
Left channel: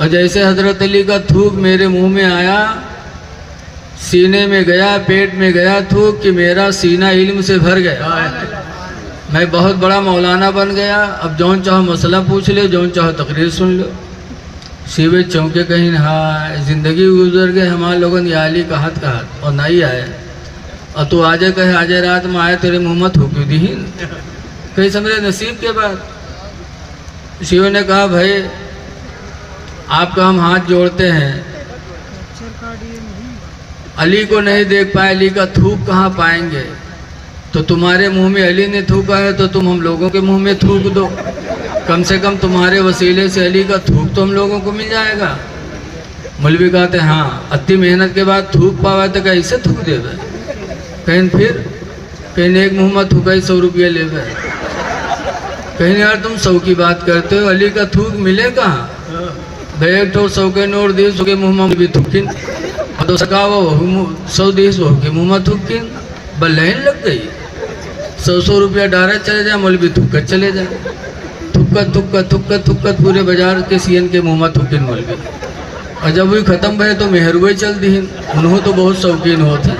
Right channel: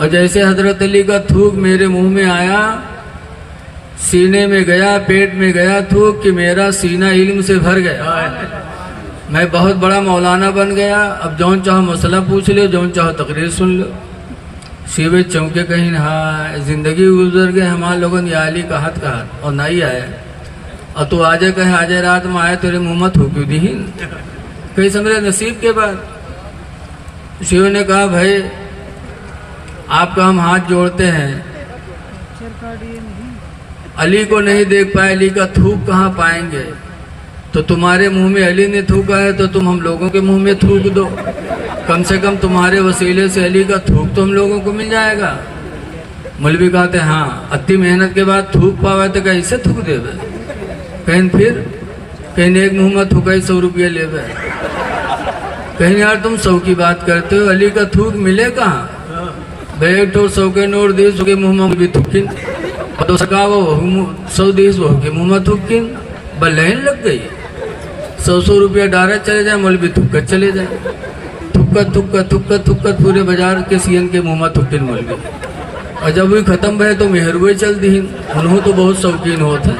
और जैसे हजरत अली का थूक मेरे मुंह में आया, सीने में गया, पेट में गया थूक कि मेरा सीना इल्म से भर गया। मैं बहुत बड़ा मौलाना बन गया, अब जौन चाहो मसला पूछ लो, जौन चाहो तकरीर सुन लो। शिवे चौंके, कहीं हाँ जिंदगी गुजर गए हमारे लोगों ने अली कहत और नहीं आए, और तू आजे कहे आजे रात में आए, तेरे मुँह में थूकी दी कहीं समझे नसीब के बाद। शिव ने कहा भाई आपका हम हाथ जोड़ते हैं, अली को नहीं देख पाए, अली का थूक कहाँ पाएंगे, तो तुम्हारे मुंह में अली ने थूका है तो तुम हम लोगों के मुंह में थूक दो, कम से कम तुम्हारे वसीले से अली का थूक तो हम लोगों को मिल जाएगा। मौलवी कहते हाँ अति मेहनत के बाद थूक पावा तो कैसे थूक दे, कहीं फिर कहीं एक मुँह में थूका 100 रुपये ले, कहीं यार तुम 100 की बात करते हो, अली का थूक मिले कहाँ भाई, एक तो 100 के नोट दिए उसके मुँह में भी थूकिन, और तो सका वो 100 दिए के मुँह में थूकिन, बल लाइन लग गई। 100 रुपया डायरेक्ट चले जाए, मौलवी थूक चले जाए, थूक थुक्कत पूरे बाजार के सीएन के मुँह में थुक्किन मौलवी। और जब वही ख़त्म भे तो मेहरुए चल दीन। उन्हों तो बहुत शौकीन होते,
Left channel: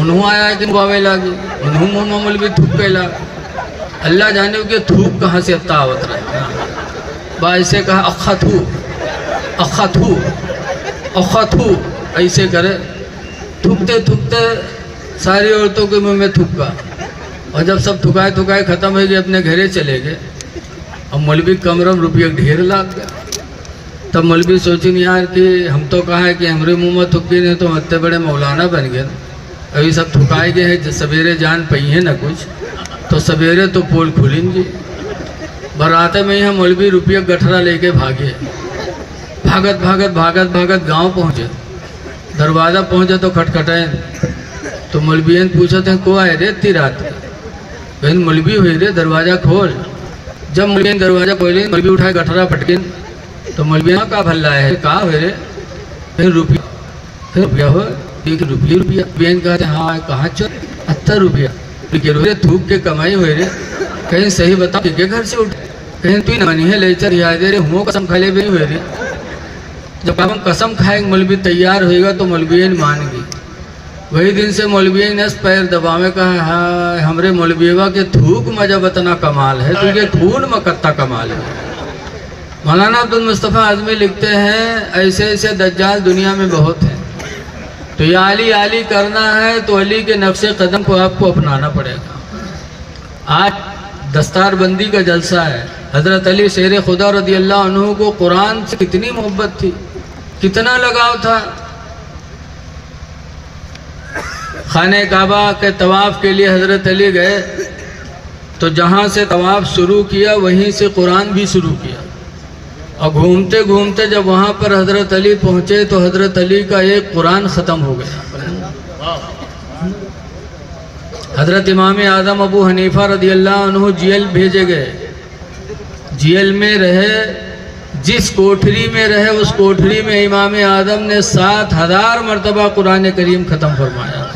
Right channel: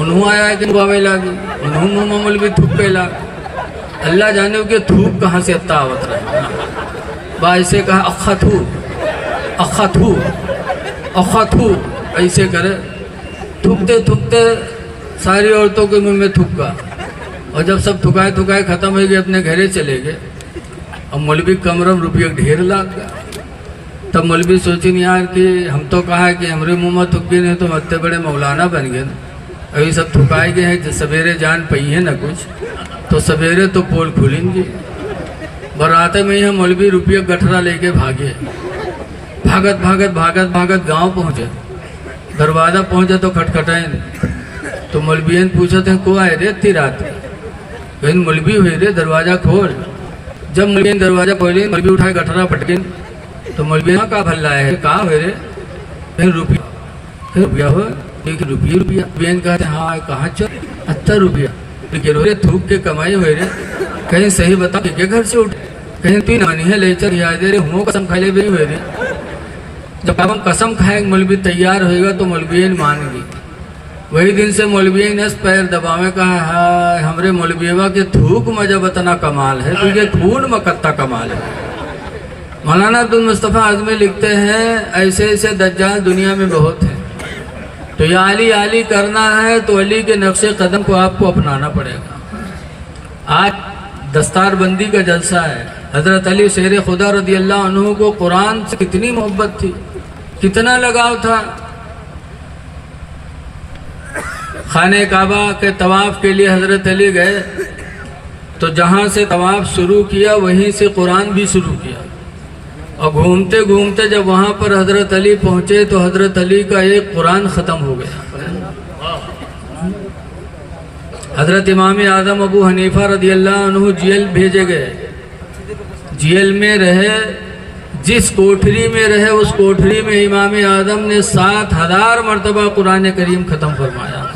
उन्हों आया कि बावे लागी, उन्हों मुँह में मौलवी थूक के ला। अल्लाह जाने कि थूक कहाँ से अत्ता आवत रहे। बा ऐसे कहा अखा थू ऐसे करे। थूकते सारी औरतों के मुँह में थूका। और जब सब थुकाए ख़त्म हो गए, अपने घरे चले गए। और मौलवी कमरम रुपये ढेर लाग गया। तब मौलवी सोचिन यार कि हम तो कहा है कि हमारे मुँह में थुकी नहीं तो इतने बड़े मौलाना बन गए। अभी सब थुकाए गए हैं, सवेरे जान पई है ना कुछ, तो सवेरे तो पोल खुलेंगी। बराते में हम मौलवी रुपये गठरा लेके भागे। भागत गांव पहुँचे। दरवाज़ा पहुँचे तो खटखटाए। तो मौलवियन पूछते हैं को आए रे इतनी रात बहन मौलवी हुई रे, दरवाज़ा खोल। जब मौलवी दरवाज़ा खोली, मौलवी उठाए गठरा पटकिन। तो मौलवी का भल्ला है कहा हुए रे, फिर रुपया हो रुपया बेन कहते हाँ कहाँ चल 70 रुपया रे थूक के कमाई हुए रे। कहीं सही बता के घर से उठ, कहीं तू नहीं है ले चल याद रे हूँ कसम खा ले भी हुए रे। जब हम कसम खाएंगे मौलवी तैयार होएगा तो मौलवी मान गई। वही दिन से मौलवी नस पैर दबावे का हाँ हमरे मौलवीवा के थूक में जब इतना कमाल है तो ये खून में कत्ता कमाल है। मौलाना अब्दुल मुस्तफ़ा आज़मी लिखते हैं ऐसे दज्जाल दुनिया में बहुत है। तो ये आली करना है तो अली के नक्शे कदम को आपको अपनाना पड़ेगा। आज दस्तारबंदी का जलसा है। हज़रत अली शेर खुदा रज़ी अल्लाह अन्हु को कुरान से कितनी मोहब्बत थी, कितना लगाव था। खाने काबा के तवाफ़ के लिए हज़रत अली गए तो जहाँ से तवाफ़ शुरू किया वहीं से कुरान भी शुरू किया। और घूमते घूमते जब वहाँ पर हज़रत अली पहुँचे तो हज़रत अली का एक कुरान ख़त्म हो गया। हज़रत इमाम आज़म अबू हनीफ़ा रज़ी अल्लाह अन्हु जेल भेजे गए। जेल में रहे, जिस कोठरी में रहे उस कोठरी में इमाम आज़म ने 7000 मरतबा कुरान करीम ख़त्म फरमाया।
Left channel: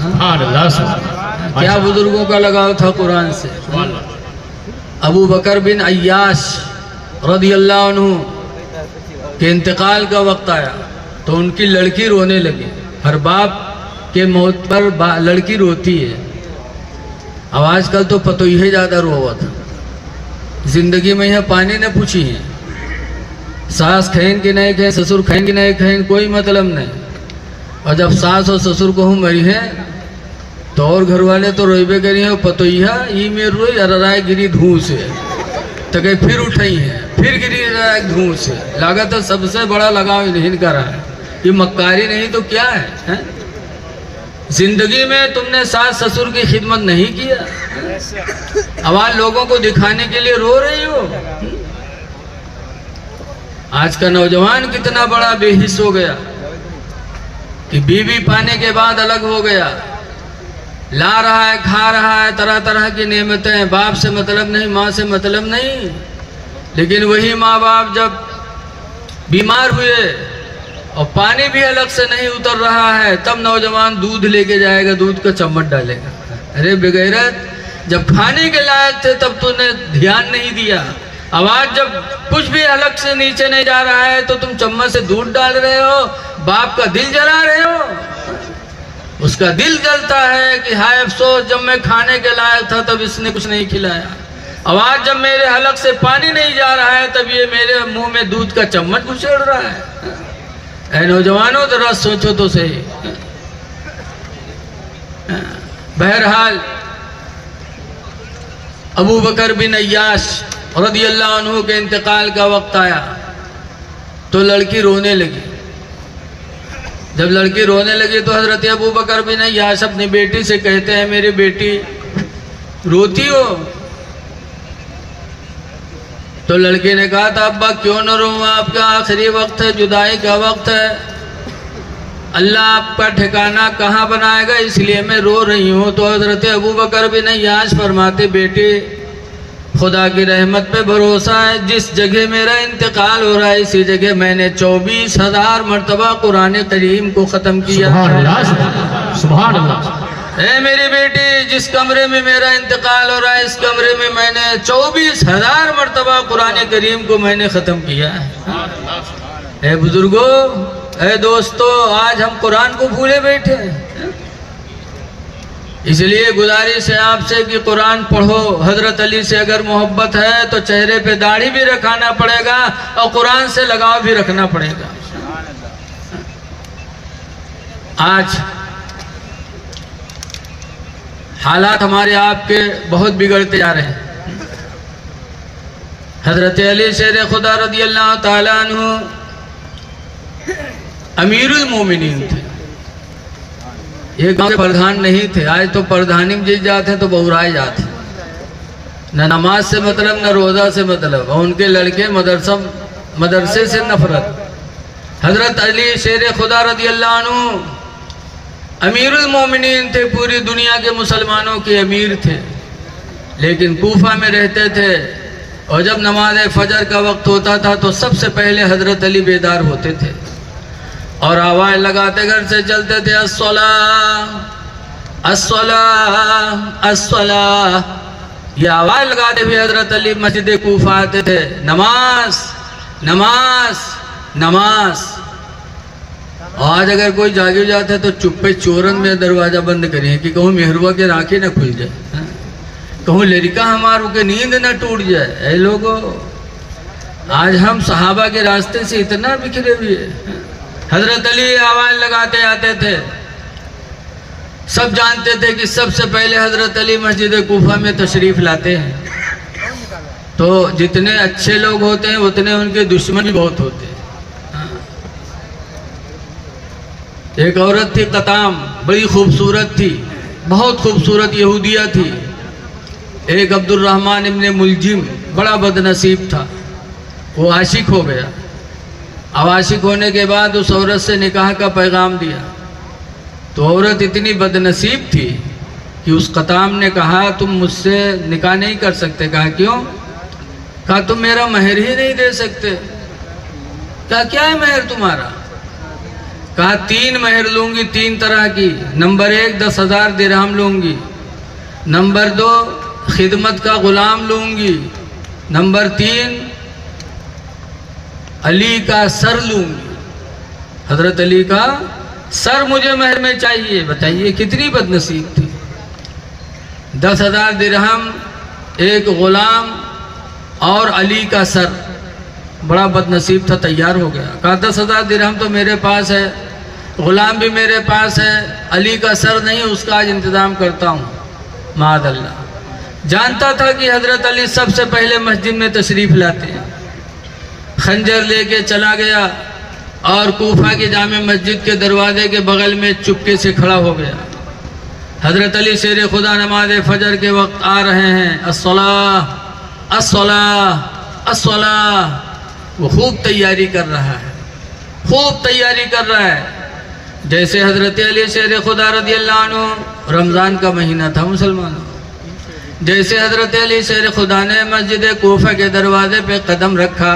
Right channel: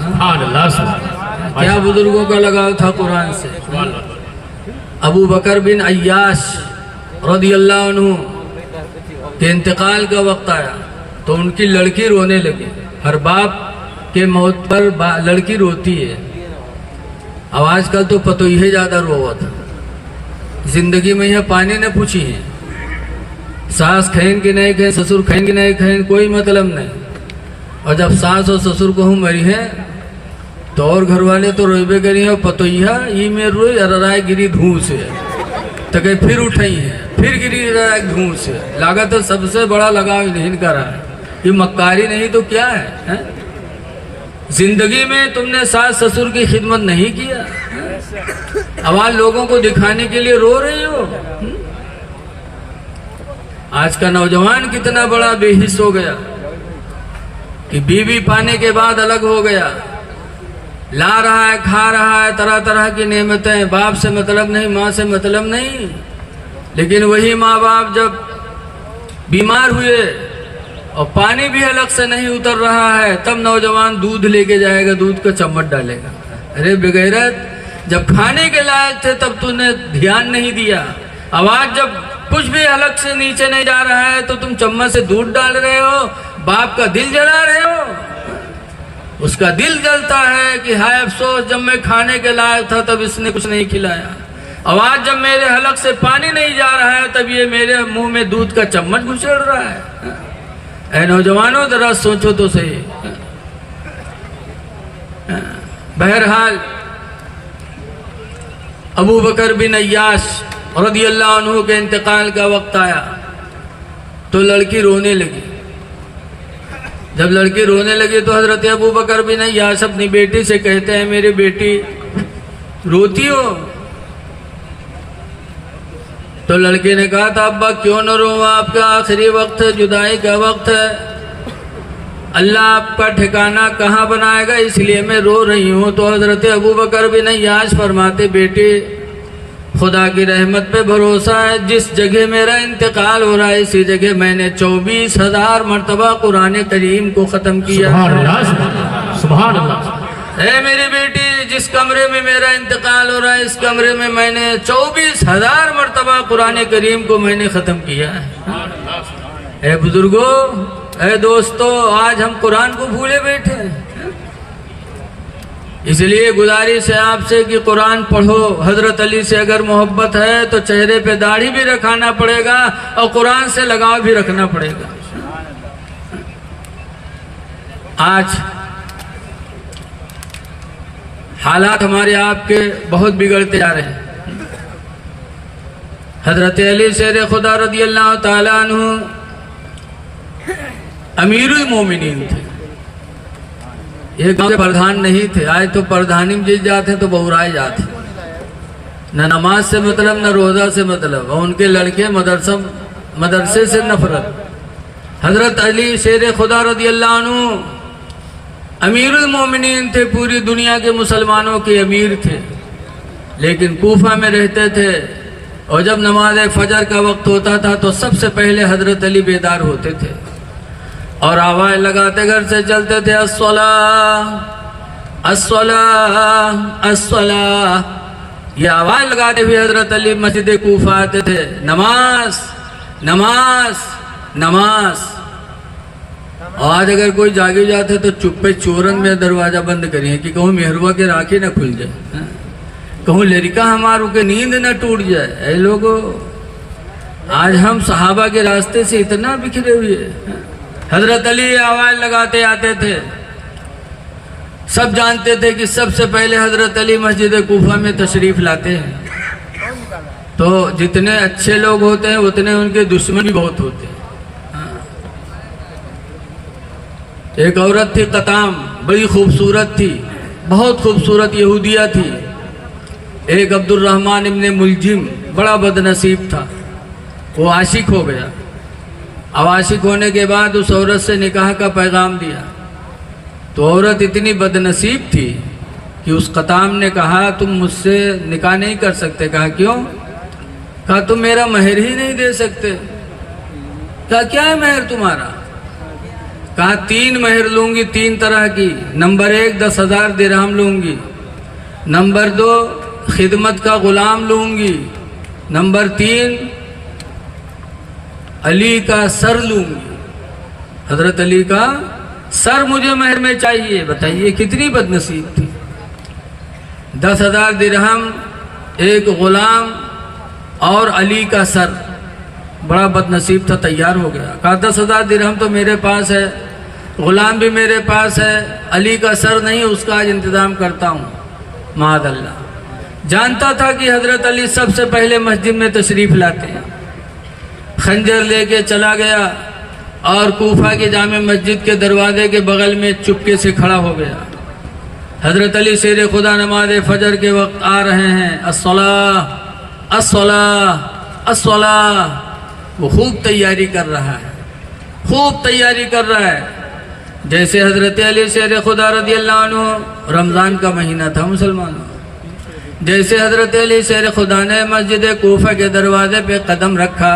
क्या बुजुर्गों का लगाव था कुरान से। अबू बकर बिन अय्याश रज़ी अल्लाह अन्हु के इंतकाल का वक्त आया तो उनकी लड़की रोने लगी। हर बाप के मौत पर लड़की रोती है। अब आजकल तो पतोही ज़्यादा रोवत है। जिंदगी में यह पानी ने पूछी है, सास खैन की नहीं खैन, ससुर खैन की नहीं खैन, कोई मतलब नहीं। और जब सास और ससुर को हम मरी है तो और घर वाले तो रोइबे करी है। पतोहिया ई में रोई अराय गिरी धूँ से तो कहीं फिर उठाई है, फिर गिरी जाए धूँ से। लागत है सबसे बड़ा लगाव इन्हीं का रहा है। ये मक्कारी नहीं तो क्या है? जिंदगी में तुमने सास ससुर की खिदमत नहीं किया। अब आज लोगों को दिखाने के लिए रो रही हो। आज का नौजवान कितना बड़ा बेहिस हो गया कि बीवी पाने के बाद अलग हो गया। ला रहा है, खा रहा है, तरह तरह की नेमतें, बाप से मतलब नहीं, माँ से मतलब नहीं। लेकिन वही माँ बाप जब बीमार हुए और पानी भी अलग से नहीं उतर रहा है तब नौजवान दूध लेके जाएगा, दूध का चम्मच डालेगा। अरे बेगैरत, जब खाने के लायक थे तब तूने ध्यान नहीं दिया। अब आज जब कुछ भी अलग से नीचे नहीं जा रहा है तो तुम चम्मच से दूध डाल रहे हो, बाप का दिल जला रहे हो। उसका दिल जलता है कि हाय अफसोस, जब मैं खाने के लायक था तब इसने कुछ नहीं खिलाया। अब आज जब मेरे हलक से पानी नहीं जा रहा है तब ये मेरे मुंह में दूध का चम्मच घुसेड़ रहा है। ऐ नौजवानों जरा सोचो तो सही। बहरहाल अबू बकर बिन अय्याश रज़ी अल्लाह अन्हु के इंतकाल का वक्त आया तो लड़की रोने लगी। जब लड़की रोने लगी तो हजरत अबू बकर बिन अय्याश अपनी बेटी से कहते हैं, मेरी बेटी रोती हो? तो लड़के ने कहा था, अब्बा क्यों न रो, आपका आखिरी वक्त है, जुदाई का वक्त है, अल्लाह आपका ठिकाना कहाँ बनाएगा, इसलिए मैं रो रही हूँ। तो हजरत अबू बकर बिन अय्याश फरमाते, बेटी खुदा की रहमत पे भरोसा है, जिस जगह मेरा इंतकाल हो रहा है इसी जगह मैंने 24,000 मरतबा कुरान करीम को ख़त्म किया। सुभान अल्लाह, सुभान अल्लाह। है मेरी बेटी, जिस कमरे में मेरा इंतकाल हो रहा है, इस कमरे में मैंने 24,000 मरतबा कुरान करीम को मैंने ख़त्म किया है। ए बुजुर्गों, ए दोस्तों, आज हम कुरान को भूले बैठे हैं। इसलिए गुजारिश है आपसे कि कुरान पढ़ो। हजरत अली से अगर मोहब्बत है तो चेहरे पे दाढ़ी भी रखाना पड़ेगा और कुरान से लगाव भी रखना पड़ेगा। आज हालात हमारे आपके बहुत बिगड़ते जा रहे हैं। हजरत अली शेर खुदा रदी अल्लाह ताला अन्हु अमीरुल मोमिनीन थे। ये गांव के प्रधान नहीं थे। आज तो प्रधानी में जीत जाते तो बहुराए जाते, न नमाज से मतलब न रोज़ा से मतलब, और उनके लड़के मदरसे से नफरत। हजरत अली शेर खुदा रदी अल्लाह अन्हु अमीरुल मोमिनीन थे, पूरी दुनिया के मुसलमानों के अमीर थे, लेकिन कूफा में रहते थे। और जब नमाज फजर का वक्त होता था तो सबसे पहले हजरत अली बेदार होते थे और आवाज़ लगाते घर से चलते थे, अस्सलाह अस्सलाह अस्सलाह। ये आवाज़ लगाते हुए हजरत अली मस्जिद कूफा आते थे, नमाज नमाज नमाज। आज अगर कोई जागे जाता है तो चुप्पे चोरन में दरवाज़ा बंद करें कि कहूँ मेहरुआ के राखी न खुल जाए, कहूँ लड़का हमारों के नींद न टूट जाए। ऐ लोगों, आज हम सहाबा के रास्ते से इतना बिखरे हुए। हजरत अली आवाज़ लगाते आते थे, सब जानते थे कि सबसे पहले हजरत अली मस्जिद कूफा में तशरीफ़ लाते हैं। तो जितने अच्छे लोग होते हैं उतने उनके दुश्मन भी बहुत होते हैं। एक औरत थी कताम, बड़ी खूबसूरत थी, बहुत खूबसूरत यहूदिया थी। एक अब्दुर्रहमान इब्ने मुलजिम बड़ा बदनसीब था, वो आशिक हो गया। अब आशिक होने के बाद उस औरत से निकाह का पैगाम दिया, तो औरत इतनी बदनसीब थी कि उस कताम ने कहा तुम मुझसे निकाह नहीं कर सकते। कहा क्यों? कहा तुम मेरा महर ही नहीं दे सकते। कहा क्या है महर तुम्हारा? कहा 3 महर लूंगी, 3 तरह की। नंबर 1 10,000 दिरहम लूंगी, नंबर 2 खिदमत का गुलाम लूंगी, नंबर 3 अली का सर लूंगी। हजरत अली का सर मुझे महर में चाहिए। बताइए कितनी बदनसीब थी। 10,000 दिरहम, एक गुलाम और अली का सर। बड़ा बदनसीब था, तैयार हो गया। कहा 10,000 दिरहम तो मेरे पास है, गुलाम भी मेरे पास है, अली का सर नहीं, उसका आज इंतज़ाम करता हूँ। मादअल्लाह जानता था कि हजरत अली सबसे पहले मस्जिद में तशरीफ़ लाते हैं। खंजर लेके चला गया और कूफा के जामे मस्जिद के दरवाजे के बगल में चुपके से खड़ा हो गया। हजरत अली शेर खुदा नमाज फजर के वक्त आ रहे हैं, अस्सलाह अस्सलाह अस्सलाह। वो खूब तैयारी कर रहा है, खूब तैयारी कर रहा है। जैसे हजरत अली शेर खुदा रदी अल्लाह अन्हु, रमज़ान का महीना था मुसलमानों, जैसे हजरत अली शेर खुदा ने मस्जिद कूफा के दरवाजे पे कदम रखा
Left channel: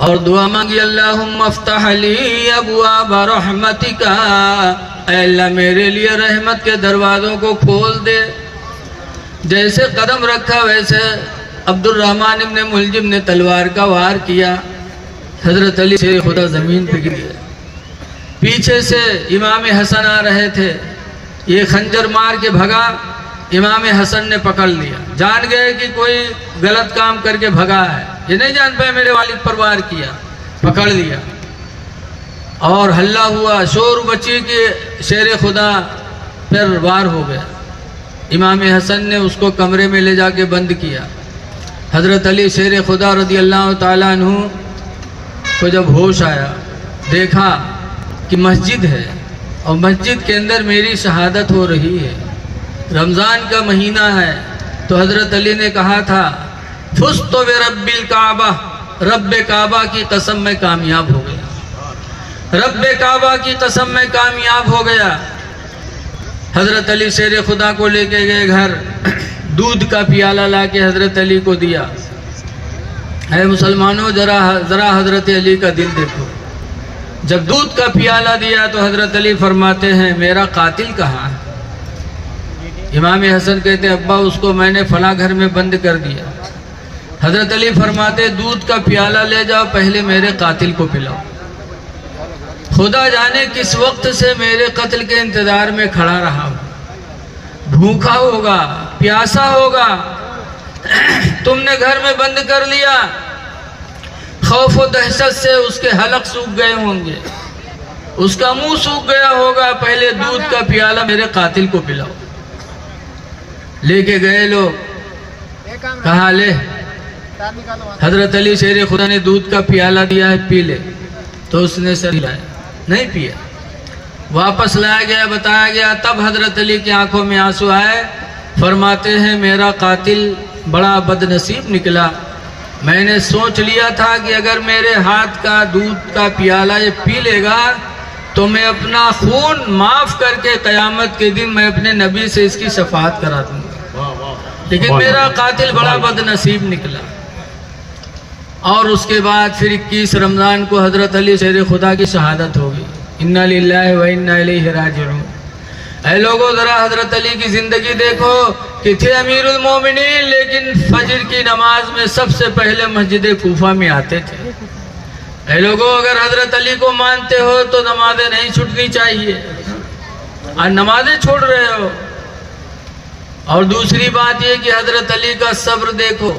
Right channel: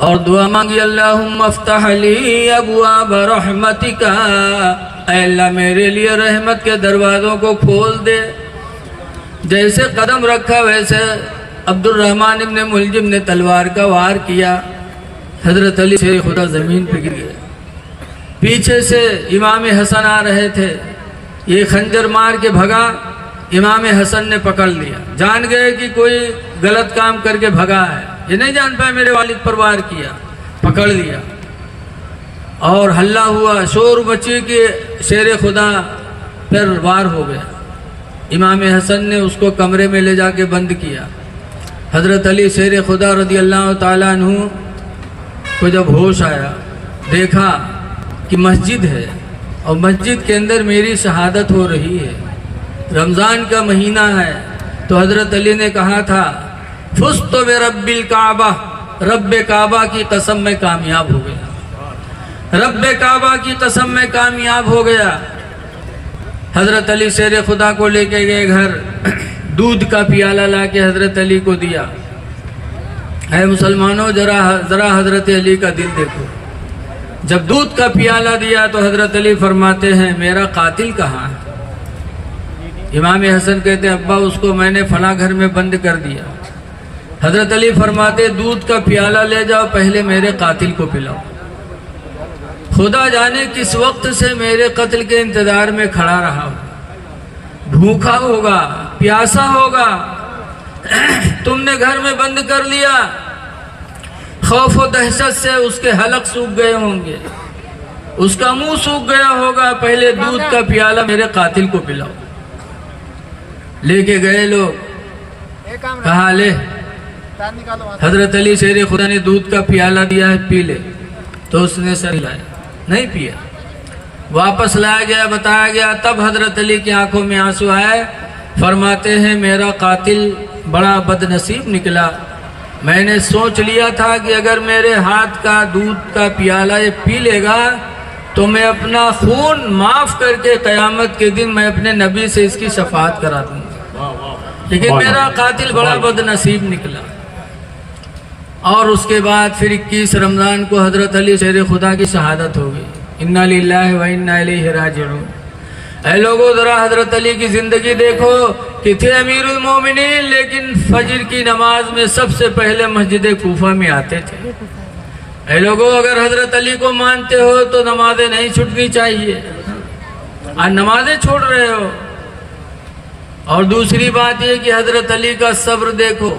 और दुआ मांगी, अल्लाहुम्मा अफ्तह ली अबवाब रहमतिका, अल्लाह मेरे लिए रहमत के दरवाज़ों को खोल दे। जैसे कदम रखा वैसे अब्दुर्रहमान इब्ने मुलजिम ने तलवार का वार किया। हजरत अली शेर खुदा ज़मीन पे गिर गया। पीछे से इमाम हसन आ रहे थे, ये खंजर मार के भगा। इमाम हसन ने पकड़ लिया, जान गए कि कोई गलत काम करके भगा है, ये नहीं जान पाए मेरे वालिद पर वार किया। पकड़ लिया और हल्ला हुआ, शोर मची कि शेर खुदा पर वार हो गया। इमाम हसन ने उसको कमरे में ले जाके बंद किया। हजरत अली शेर खुदा रदी अल्लाह ताला अन्हु को जब होश आया, देखा कि मस्जिद है और मस्जिद के अंदर मेरी शहादत हो रही है, रमज़ान का महीना है। तो हजरत अली ने कहा था, फुस्तु बिरब्बिल काबा, रब काबा की कसम में कामयाब हो गया, रब काबा की कसम में कामयाब हो गया। हजरत अली शेर खुदा को लेके गए घर, दूध का प्याला ला के हजरत अली को दिया। है मुसलमानों, जरा हजरत अली का दिल देखो। जब दूध का प्याला दिया तो हजरत अली फरमाते हैं, मेरा कातिल कहाँ है? इमाम हसन कहते अब्बा उसको मैंने फला घर में बंद कर दिया। हजरत अली फरमाते दूध का प्याला ले जाओ, पहले मेरे कातिल को पिलाओ। खुदा जाने किस वक्त से मेरे कत्ल के इंतजार में खड़ा रहा हूं, भूखा होगा, प्यासा होगा, तुमने घर में बंद कर लिया। खौफ और दहशत से उसके हलक सूख गए होंगे, उसका मुंह सूख गया होगा, पहले दूध का प्याला मेरे कातिल को पिलाओ। लेके गए लोग, कहा ले हजरत अली शेर खुदा ने दूध का प्याला दिया है, पी ले। तो उसने सर हिलाया, नहीं पिया। वापस लाया गया, बताया गया, तब हजरत अली की आंखों में आंसू आए। फरमाते हैं मेरा कातिल बड़ा बदनसीब निकला। मैंने सोच लिया था कि अगर मेरे हाथ का दूध का प्याला ये पी लेगा तो मैं अपना खून माफ करके कयामत के दिन मैं अपने नबी से इसकी शफाअत करा दूंगा। लेकिन मेरा कातिल बड़ा बदनसीब निकला। और उसके बाद फिर 21 रमज़ान को हज़रत अली शेर खुदा की शहादत होगी। इन्ना लिल्लाहि व इन्ना इलैहि राजिऊन। ऐ लोगों, ज़रा हज़रत अली की ज़िंदगी देखो कि थे अमीरुल मोमिनीन, लेकिन फजर की नमाज में सबसे पहले मस्जिद कूफा में आते थे। ऐ लोगों, अगर हज़रत अली को मानते हो तो नमाजें नहीं छूटनी चाहिए, और नमाजें छोड़ रहे हो। और दूसरी बात यह कि हज़रत अली का सब्र देखो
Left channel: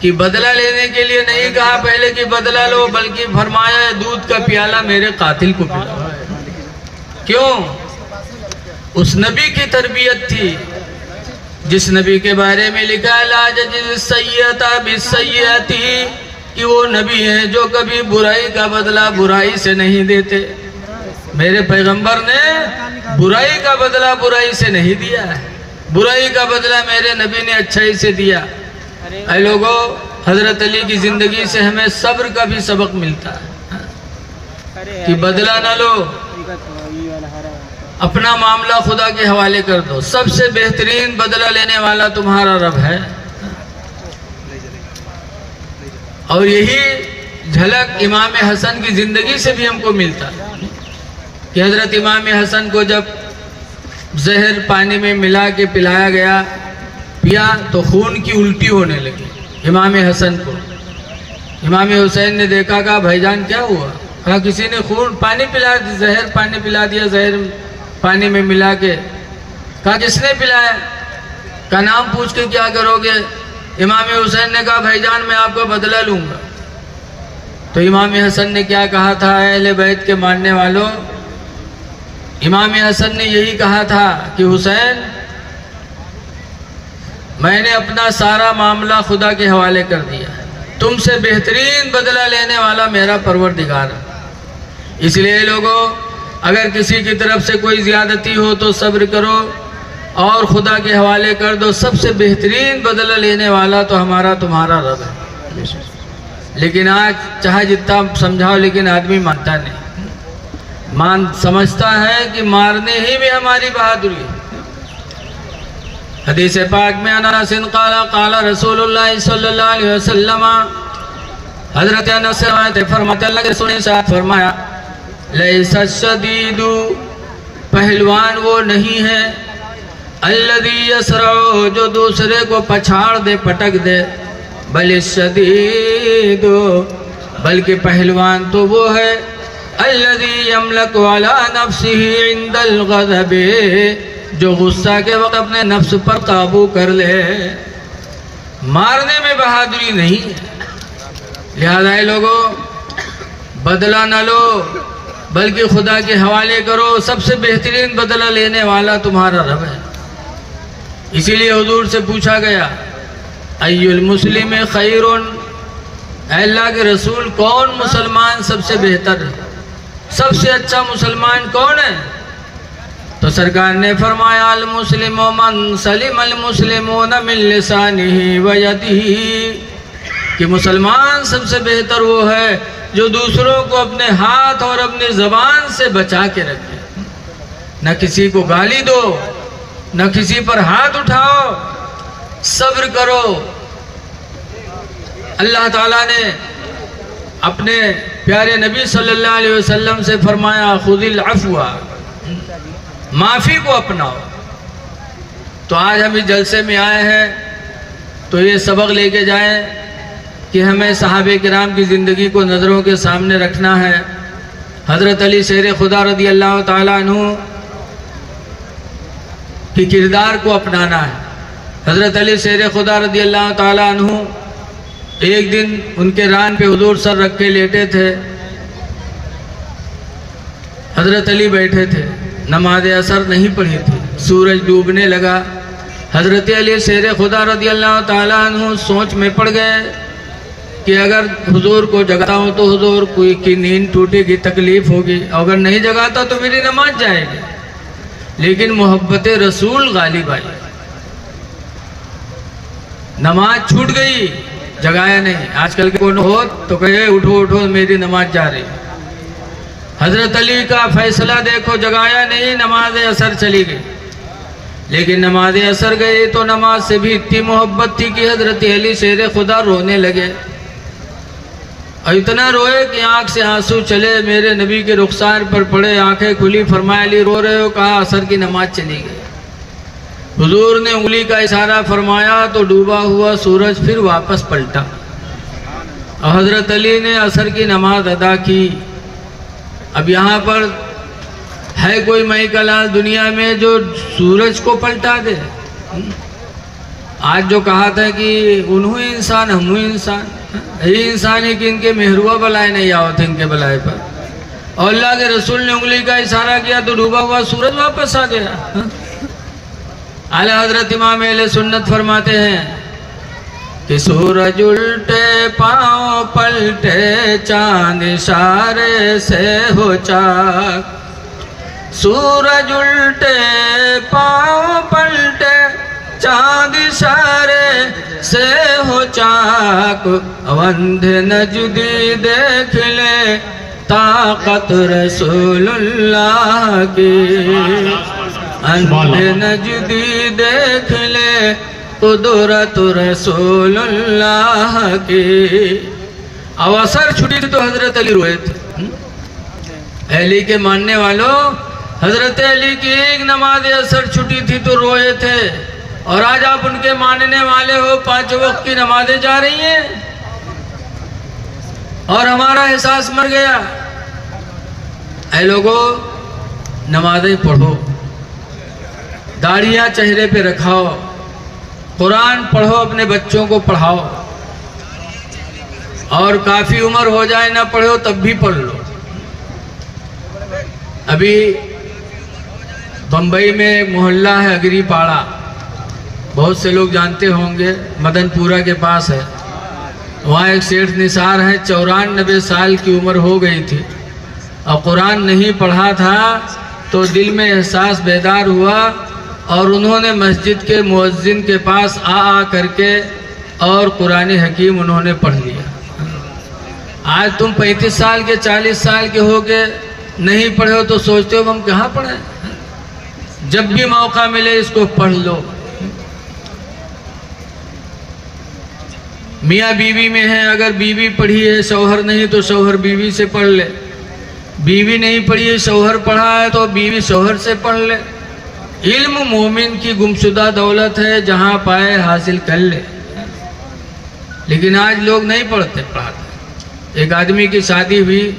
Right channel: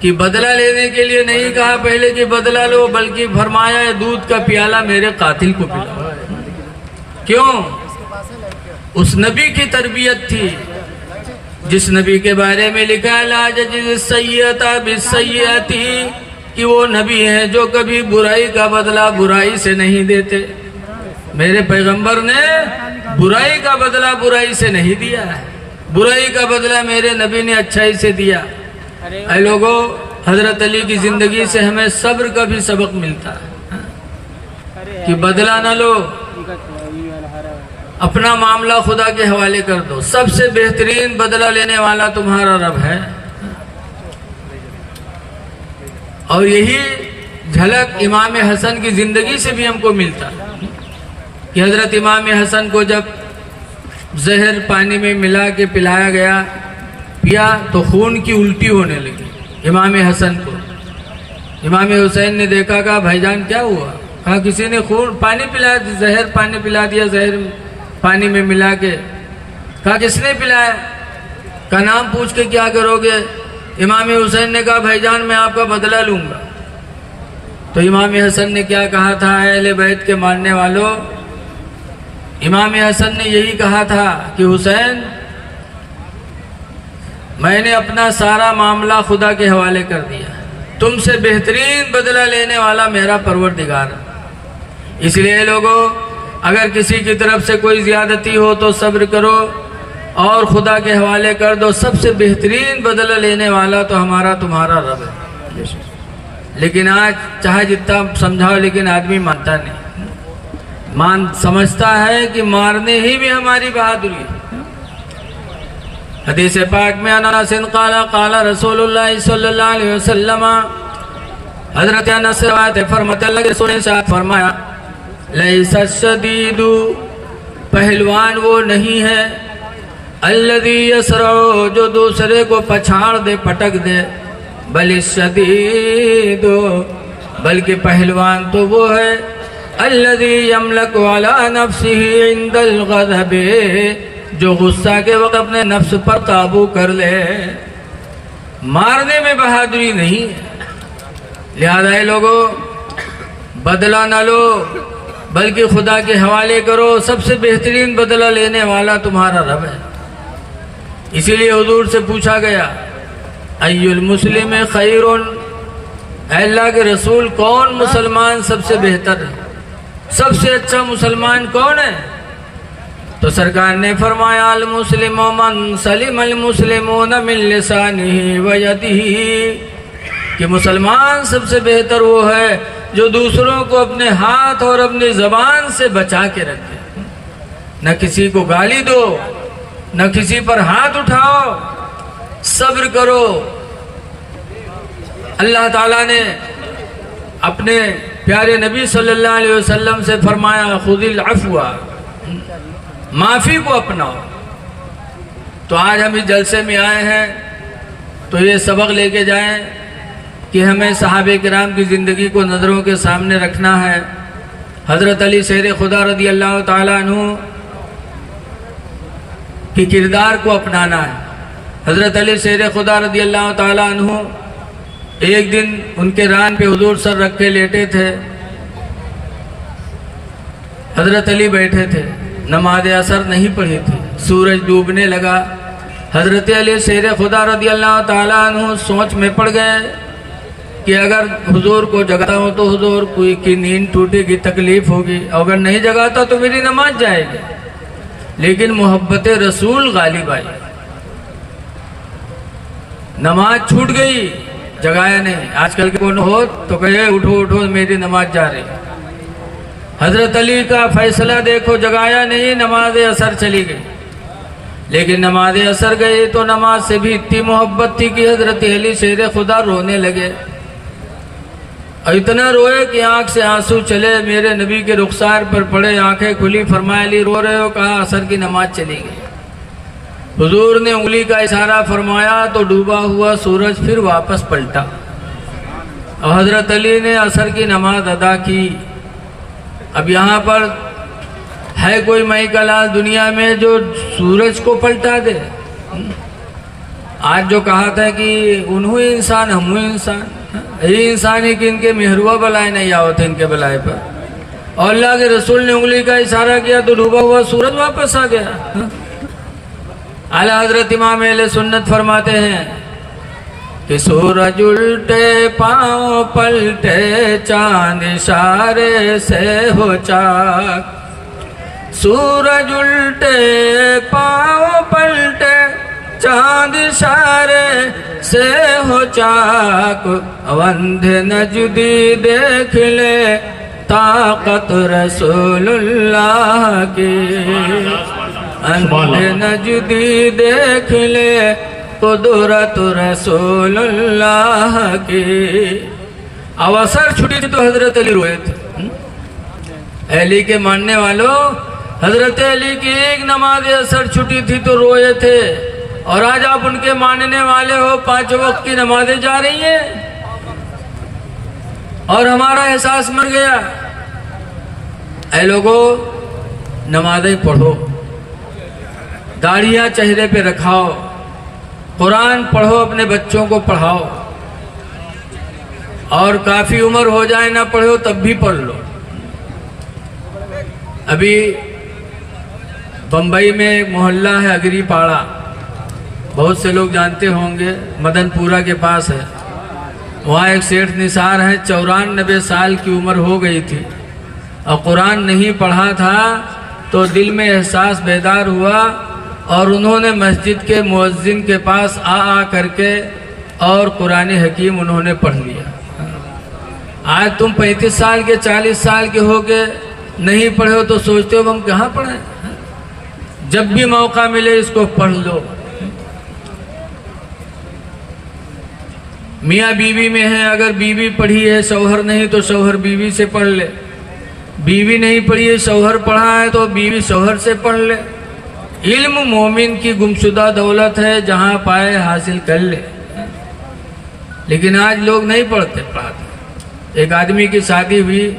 कि बदला लेने के लिए नहीं कहा पहले कि बदला लो, बल्कि फरमाया दूध का प्याला मेरे कातिल को पिलाओ। क्यों? उस नबी की तरबियत थी जिस नबी के बारे में लिखा ला जज़ी सय्यता बिस्सय्यती, कि वो नबी हैं जो कभी बुराई का बदला बुराई से नहीं देते। मेरे पैगंबर ने बुराई का बदला बुराई से नहीं दिया है, बुराई का बदला मेरे नबी ने अच्छाई से दिया। ऐ लोगों, हजरत अली की जिंदगी से हमें सब्र का भी सबक मिलता है कि बदला न लो, अपना मामला खुदा के हवाले कर दो। सबसे बेहतरीन बदला लेने वाला तुम्हारा रब है। और यही झलक इमाम हसन की जिंदगी से भी हमको मिलता है कि हजरत इमाम हसन को जब जहर पानी में मिला के पिलाया गया, पिया तो खून की उल्टी होने लगी इमाम हसन को। इमाम हुसैन ने देखा, कहा भाईजान क्या हुआ? कहा किसी ने खून पानी पिला दिया, जहर पानी पिला दिया, जहर पानी में मिला के। कहा किसने पिलाया? का नाम पूछ के क्या करोगे? इमाम हुसैन ने कहा भाईजान मैं आपका बदला लूंगा। तो इमाम हसन ने क्या कहा था? अहले बैत के मानने वालों, इमाम हसन ने यही कहा था कि हुसैन मैंने अपना सारा मामला खुदा के हवाले कर दिया, तुमसे बेहतरीन बदला लेने वाला मेरा परवरदिगार है। इसलिए लोगों, अगर किसी की तरफ से कोई ज्यादती हो तो सब्र करो और खुदा के हवाले कर दो। सबसे बेहतरीन बदला लेने वाला तो हमारा तुम्हारा रब है। लेकिन आज चाहे जितना समझाओ, लेकिन आदमी मानता नहीं। समझता है कि मारने ही में हमारी बहादुरी है। हदीस पाक में अनस क़ाला क़ाला रसूलुल्लाह सल्लल्लाहु अलैहि वसल्लम, हज़रत अनस से फरमाते अल्लाह के रसूल ने साथ फरमाया, लैसा शदीदु, पहलवान वो नहीं है, अल्लज़ी यसरउ, जो दूसरे को पछाड़ दे, पटक दे, बल शदीदु, बल्कि पहलवान तो वो है, अल्लज़ी यमलकु अला नफ्सिही इंदल ग़ज़ब, जो गुस्सा के वक्त अपने नफ्स पर काबू कर ले। मारने में बहादुरी नहीं है। लिहाजा लोगों, बदला न लो बल्कि खुदा के हवाले करो। सबसे बेहतरीन बदला लेने वाला तुम्हारा रब है। इसीलिए हुजूर से पूछा गया, अय्युल मुस्लिम खैरुन, अल्लाह के रसूल कौन मुसलमान सबसे बेहतर है, सबसे अच्छा मुसलमान कौन है? तो सरकार ने फरमाया, अल मुस्लिमु मन सलिम अल मुस्लिमून मिन लिसानिही व यदिही, कि मुसलमान सबसे बेहतर वो है जो दूसरों को अपने हाथ और अपनी ज़बान से बचा के रखे। न किसी को गाली दो, न किसी पर हाथ उठाओ, सब्र करो। अल्लाह ताला ने अपने प्यारे नबी सल्लल्लाहु अलैहि वसल्लम से फरमाया, खुदिल अफ़्वा, माफ़ी को अपनाओ। तो आज हम इस जलसे में आए हैं तो ये सबक लेके जाएं कि हमें सहाबे किराम की ज़िंदगी को नज़रों के सामने रखना है। हज़रत अली शेर खुदा रदी अल्लाह ताला अन्हु की किरदार को अपनाना है। हज़रत अली शेर खुदा रदी अल्लाह ताला अन्हु एक दिन उनके रान पे हुजूर सर रख के लेटे थे। हज़रत अली बैठे थे, नमाज असर नहीं पढ़ी थी, सूरज डूबने लगा। हज़रत अली शेर खुदा रदी अल्लाह ताला अन्हु सोच में पड़ गए कि अगर हुजूर को जगाता हूँ तो हुजूर की नींद टूटेगी, तकलीफ़ होगी, अगर नहीं जगाता तो मेरी नमाज जाएगी। लेकिन मोहब्बत रसूल गालिब आई, नमाज छूट गई, जगाया नहीं। आजकल के कौन हो तो कहे उठो उठो मेरी नमाज जा रही। हज़रत अली का फैसला देखो, जगाया नहीं, नमाज असर चली गई। लेकिन नमाज असर गई तो नमाज से भी इतनी मोहब्बत थी कि हज़रत अली शेर खुदा रोने लगे और इतना रोए कि आंख से आंसू चले, मेरे नबी के रुखसार पर पड़े, आंखें खुली। फरमाया अली रो रहे हो? कहा असर की नमाज चली गई। हुजूर ने उंगली का इशारा फरमाया तो डूबा हुआ सूरज फिर वापस पलटा और हज़रत अली ने असर की नमाज अदा की। अब यहाँ पर है कोई मई का लाल दुनिया में जो सूरज को पलटा दे? आज जो कहा था कि उन्हों इंसान हम इंसान, ये इंसान है कि इनके मेहरुआ बलाए नहीं आवत थे इनके बलाए पर, और अल्लाह के रसूल ने उंगली का इशारा किया तो डूबा हुआ सूरज वापस आ गया। आला हजरत इमाम अहले सुन्नत फरमाते हैं कि सूरज उल्टे पांव पलटे, चांद इशारे से हो चाक। सूरज उल्टे पांव पलटे, चांद इशारे से हो चाक। अंधे नजदी देख ले ताकत रसूलुल्लाह की, अंधे नजदी देख ले कुदरत रसूलुल्लाह की। अवसर छुट्टी थी तो हजरत अली रोए थे। अली के मानने वालों, हजरत अली की एक नमाज असर छुट्टी थी तो रोए थे, और आज आप उनके मानने वाले हो, 5 वक्त की नमाजें जा रही हैं और हमारा एहसास मर गया। ऐ लोगों, नमाजें पढ़ो, दाढ़ियाँ चेहरे पे रखाओ, कुरान पढ़ो, अपने बच्चों को पढ़ाओ, और काफ़ी उम्र हो जाए ना पढ़ो तब भी पढ़ लो। अभी बम्बई में एक मोहल्ला है अगरीपाड़ा, बहुत से लोग जानते होंगे, मदनपुरा के पास है। वहाँ एक सेठ निसार हैं, 94 साल की उम्र हो गई थी और कुरान नहीं पढ़ा था, तो दिल में एहसास बेदार हुआ और उन्होंने मस्जिद के मुअज्जिन के पास आ करके और कुरान हकीम उन्होंने पढ़ लिया। आज तुम 35 साल के 40 साल के हो के नहीं पढ़े हो तो सोचते हो हम कहाँ पढ़े? जब भी मौका मिले इसको पढ़ लो। मियाँ बीवी में है, अगर बीवी पढ़ी है, शौहर नहीं तो शौहर बीवी से पढ़ ले। बीवी नहीं पढ़ी है, शौहर पढ़ा है तो बीवी शौहर से पढ़ ले। इल्म मोमिन की गुमशुदा दौलत है, जहाँ पाए हासिल कर ले। लेकिन आज लोग नहीं पढ़ाते। एक आदमी की शादी हुई